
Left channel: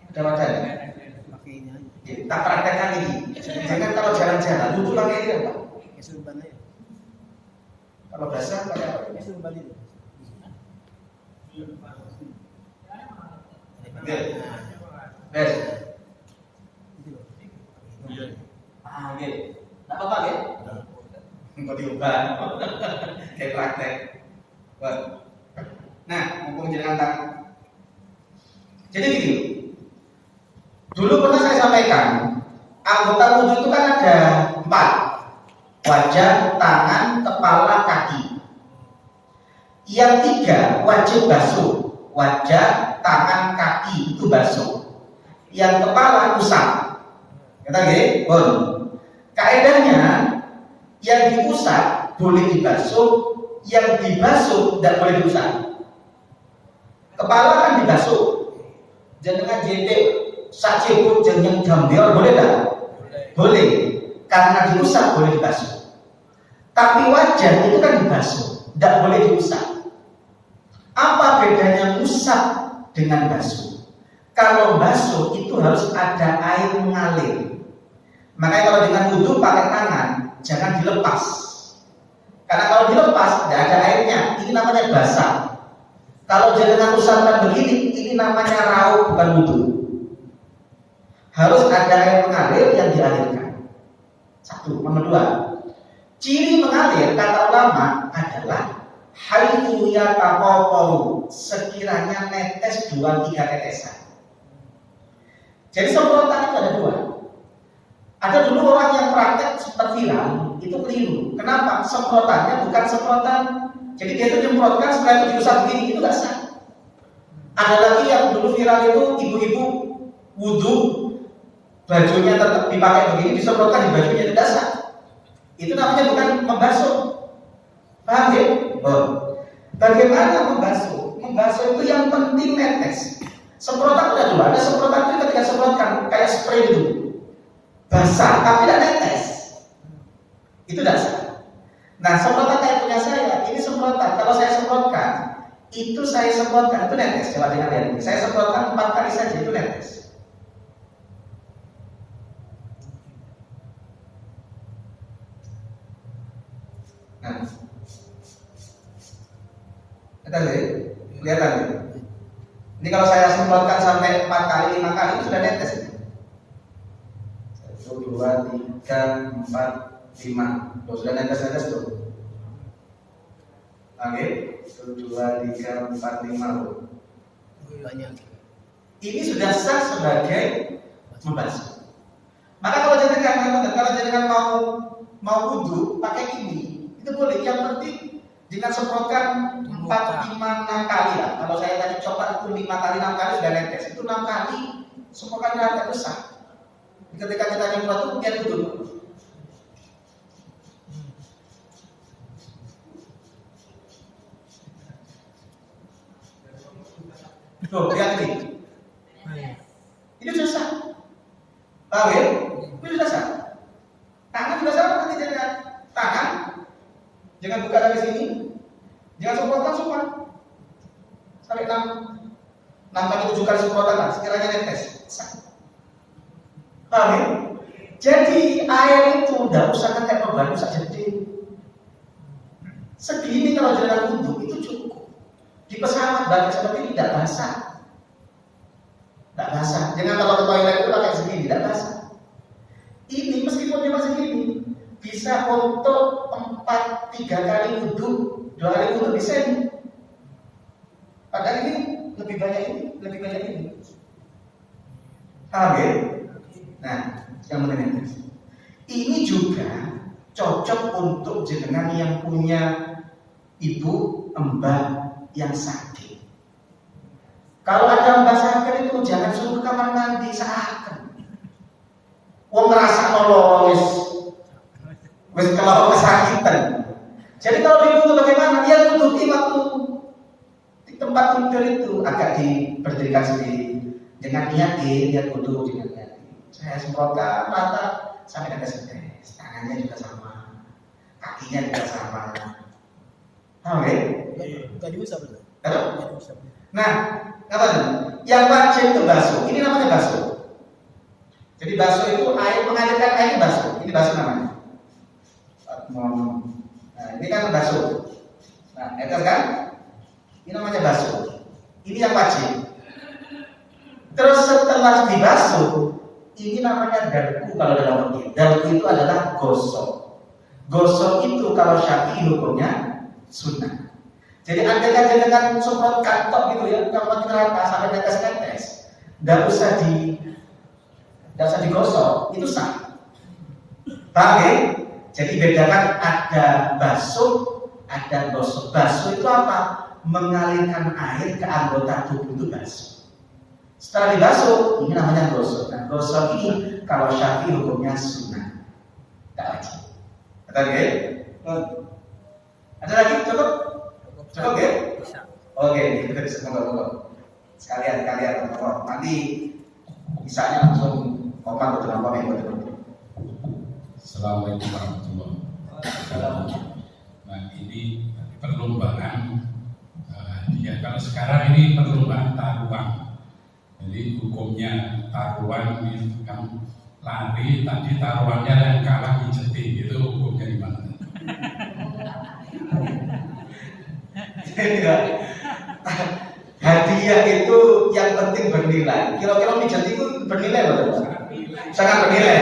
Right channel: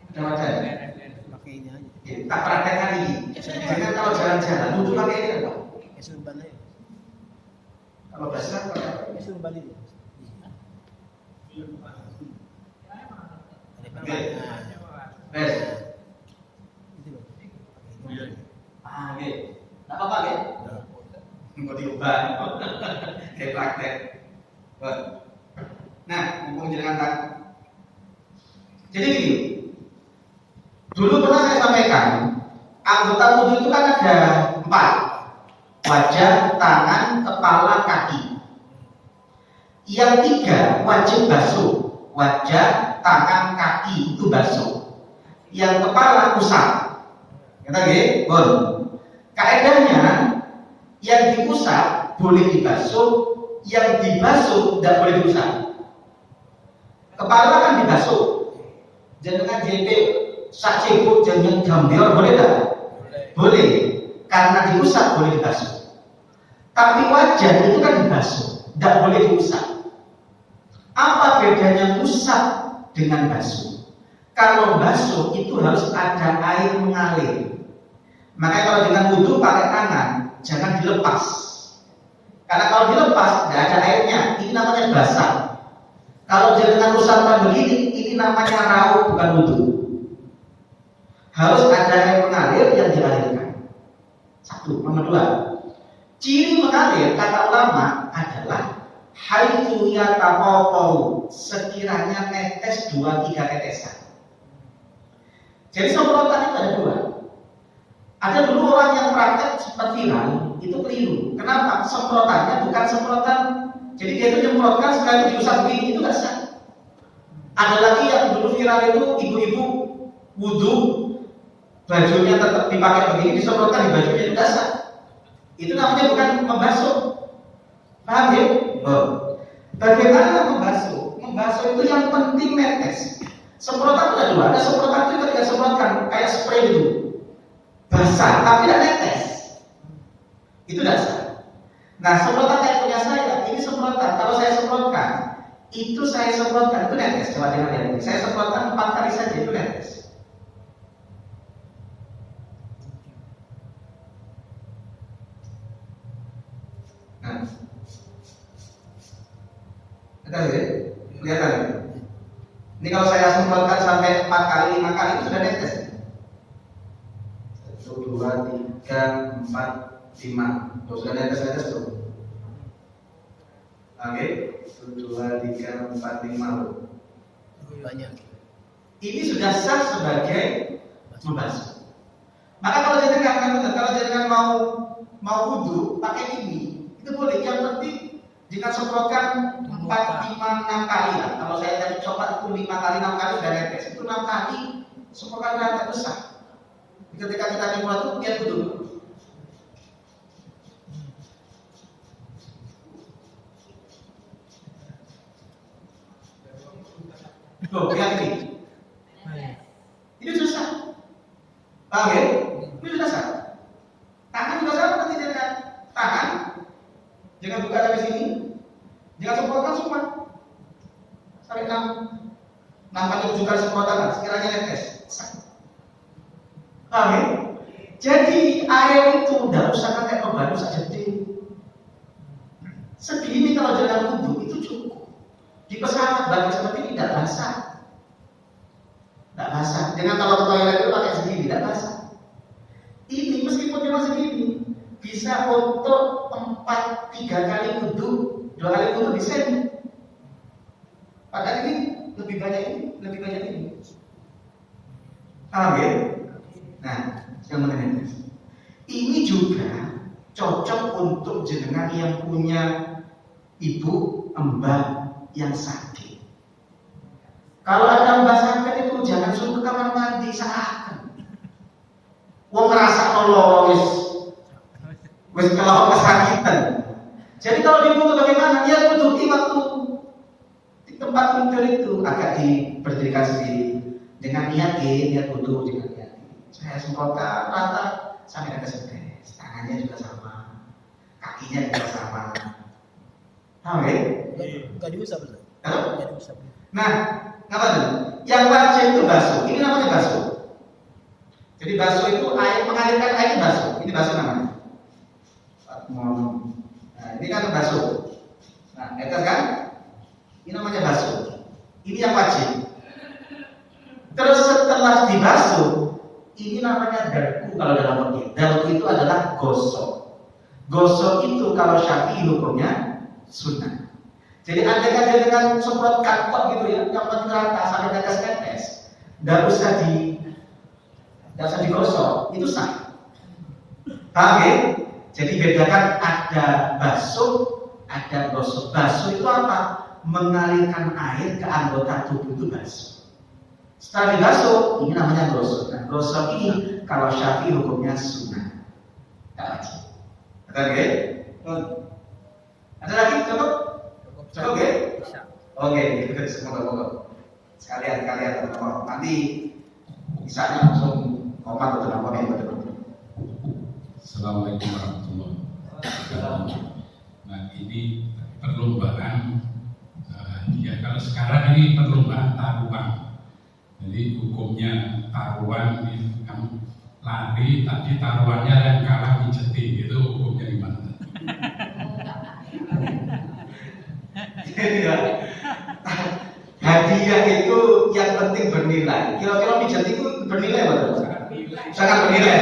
Ada wadah nggak? pakai ini aja. Tak praktekkan ini. Jangan kalau jalan-jalan duduk pakai ini Pak. Kesulban aja. Kalau basah pakai apa? Kesulban itu. Oke. Bes. Oke. Tak apa-apa ya? Enggak diubah. Kayak praktek. Wah. Nah, mumpung jenengan tak. Jadi gini. Dulu pernah saya sampaikan, anggota wudhu itu kan ada 4. Wajah, tangan, kepala, kaki. Yang 3 wajib basuh. Wajah, tangan, kaki itu basuh. Yang kepala usap. Kata nggih? Bon. Kaedahnya yang diusap boleh dibasuh, yang dibasuh tidak boleh diusap. Kepala kan dibasuh. Jangan jendek sak cebok jangan jambior boleh tak? Boleh. Karena diusap boleh dibasuh. Tapi wajah itu kan dibasuh, tidak boleh diusap. Apa bedanya usap dengan basuh? Kalau basuh itu harus ada air mengalir. Makanya kalau dengan wudhu pakai tangan, jangan dilepas. Karena kalau dilepas, tidak ada airnya. Ini namanya basah. Kalau dengan usapan begini, ini namanya rauh bukan wudhu. Harus ada air mengalir yang dialirkan. 1. Nomor 2. Ciri mengalir kata ulama adalah haitsu yataqaqaru, sekiranya netes 2-3 tetesan. Jadi semprotan itu ada 2. Ada dulu orang yang praktek sempat viral, itu keliru. Kenapa? Semprotannya bukan semprotan. Jadi dia itu menyemprotkan supaya diusap begini, itu tidak sah. Ada lagi yang dulu viral itu ibu-ibu wudhu, bajunya tetap dipakai begini, disemprotkan di bajunya, tidak sah. Itu namanya bukan membasuh. Paham ya? Oh. Bagaimana membasuh? Membasuh itu yang penting netes. Semprotan ada 2. Ada semprotan itu ketika semprotkan kayak spray itu. Basah tapi tidak netes. Itu dasar. Nah, semprotan kayak punya saya, ini semprotan. Kalau saya semprotkan, itu netes. Coba lihat. Saya semprotkan 4 kali saja itu netes. Nah, lihat. Ini kalau saya semprotkan sampai 4 kali, 5 kali itu sudah netes. 1, 2, 3, 4, 5. Sudah netes tuh. Oke, 1, 2, 3, 4, 5. Banyak. Ini sudah sah sebagai membasuh. Maka kalau jenengan mau wudhu pakai ini, itu boleh. Yang penting jika semprotkan 4, 5, 6 kali ya. Kalau saya tadi coba itu 5 kali, 6 kali sudah netes. Itu 6 kali semprotkan netes itu sah. Ketika kita nyemprot itu lihat dulu. Tuh, lihat ini. Ini susah. Paham ya? Ini sudah sah. Tangan sudah sah, nanti jangan tangan. Jangan buka dari sini. Jangan semprotkan semua. Sampai 6 kali 7 kali semprotan lah. Sekiranya netes. Sah. Paham ya? Jadi air itu tidak usah kayak pembantu saja gede. Segini kalau jalan wudhu itu cukup. Di pesawat bagi seperti ini tidak basah. Tidak basah. Jangan kalau ke toilet itu pakai segini, tidak basah. Ini meskipun cuma segini bisa untuk 3 kali wudhu, 2 kali wudhu bisa ini. Padahal ini lebih banyak ini. Paham ya? Nah, yang penting ini juga cocok untuk jenengan yang punya ibu, mbah yang sakit. Kalau ada mbah sakit itu jangan suruh kamar mandi seakan. Wong ngerasa Allah wis kalau kesakitan. Jadi kalau ibu itu bagaimana? Dia duduk waktu di tempat tidur itu agak diberdirikan sendiri dengan niat dia duduk dengan niat. Saya semprotkan rata sampai ada setes, tangannya juga sama. kakinya juga sama. Tahu ya? Gak diusap. Tahu? Gak diusap. Nah, apa tuh? Yang wajib itu basuh. Ini namanya basuh. Jadi basuh itu air mengalirkan air basuh. Ini basuh namanya. Nah, ini kan basuh. Nah, itu kan? Ini namanya basuh. Ini yang wajib. Terus setelah dibasuh, ini namanya darku kalau dalam fikih. Darku itu adalah gosok. Gosok itu kalau Syafi'i hukumnya sunnah. Jadi andaikan dengan semprot kantor gitu ya, kalau rata sampai tetes-tetes, nggak usah digosok, itu sah. Paham ya? Jadi bedakan ada basuh, ada gosok. Basuh itu apa? Mengalirkan air ke anggota tubuh itu basuh. Setelah dibasuh, ini namanya gosok. Nah, gosok ini kalau Syafi'i hukumnya sunnah, tak wajib. Ada lagi? Ada lagi? Cukup? Cukup ya? Bisa. Oke, itu semoga sekalian nanti bisanya langsung opat betul apa yang betul. Assalamualaikum warahmatullahi wabarakatuh. Nah, ini perlombaan ya kalau sekarang ini perlombaan taruhan. Jadi hukumnya taruhan yang lari, tadi taruhannya yang kalah pijetin, itu hukumnya gimana? Hadiah itu yang penting bernilai. Kira-kira pijat itu bernilai loh. Sangat bernilai.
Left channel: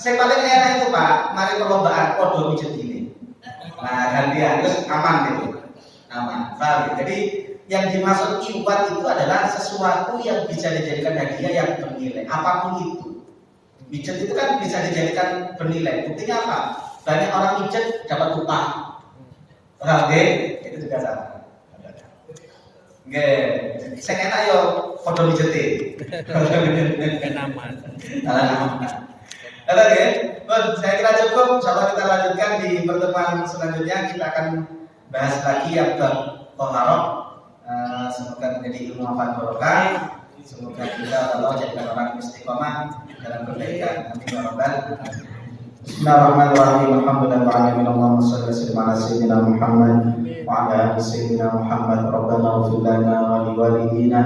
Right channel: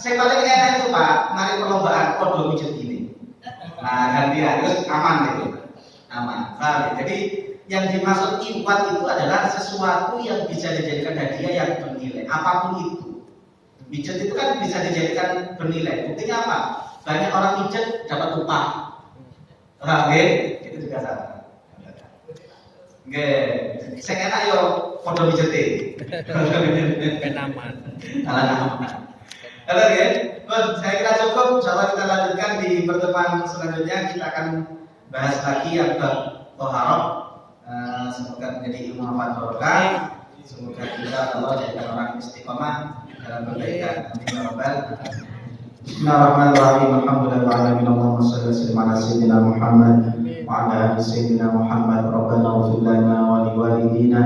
Saya paling enak itu Pak, mari perlombaan podo pijat ini. Nah, hadiah terus aman gitu. Aman. Paham ya? Jadi yang dimaksud iwat itu adalah sesuatu yang bisa dijadikan hadiah yang bernilai. Apapun itu. Pijat itu kan bisa dijadikan bernilai. Buktinya apa? Banyak orang pijat dapat upah. Oke, itu juga sama. Oke, saya enak yo foto bijete. Kenaman. Oke, saya kira cukup. Coba kita lanjutkan di pertemuan selanjutnya. Kita akan bahas lagi yang bertoharok. Semoga menjadi ilmu barokah. Semoga kita Allah jadikan orang istiqomah dalam kebaikan. Amin ya rabbal alamin. Bismillahirrahmanirrahim. Alhamdulillahirabbil alamin. Allahumma shalli wa sallim ala sayyidina Muhammad wa ala ali sayyidina Muhammad. Rabbana ighfir lana wa li walidina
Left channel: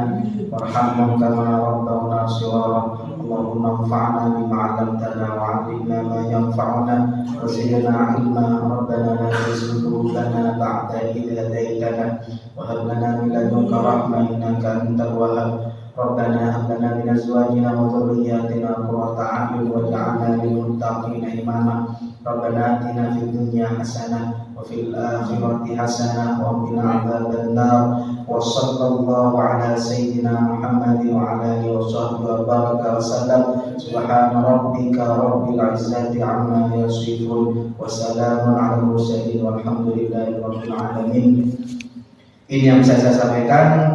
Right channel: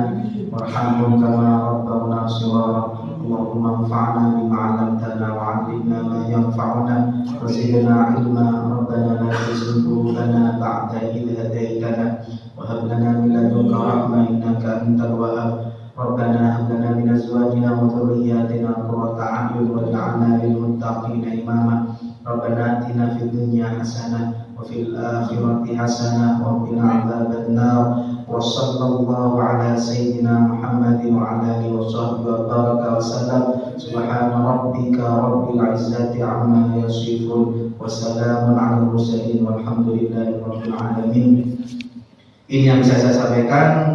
warhamhum kama rabbawna shaghira. Allahumma anfa'na bima 'allamtana wa 'allimna ma yanfa'una wa zidna 'ilma. Rabbana la tuzigh qulubana ba'da idh hadaytana wa hab lana min ladunka rahmah innaka antal wahhab. ربنا هب لنا من ازواجنا وذرياتنا قرة اعين واجعلنا للمتقين اماما ربنا اتنا في الدنيا حسنه وفي الاخره حسنه وقنا عذاب النار وصلى الله على سيدنا محمد وعلى اله وصحبه وبارك وسلم سبحان ربك رب العزه عما يصفون وسلام على المرسلين والحمد لله رب العالمين. Ini yang bisa saya sampaikan.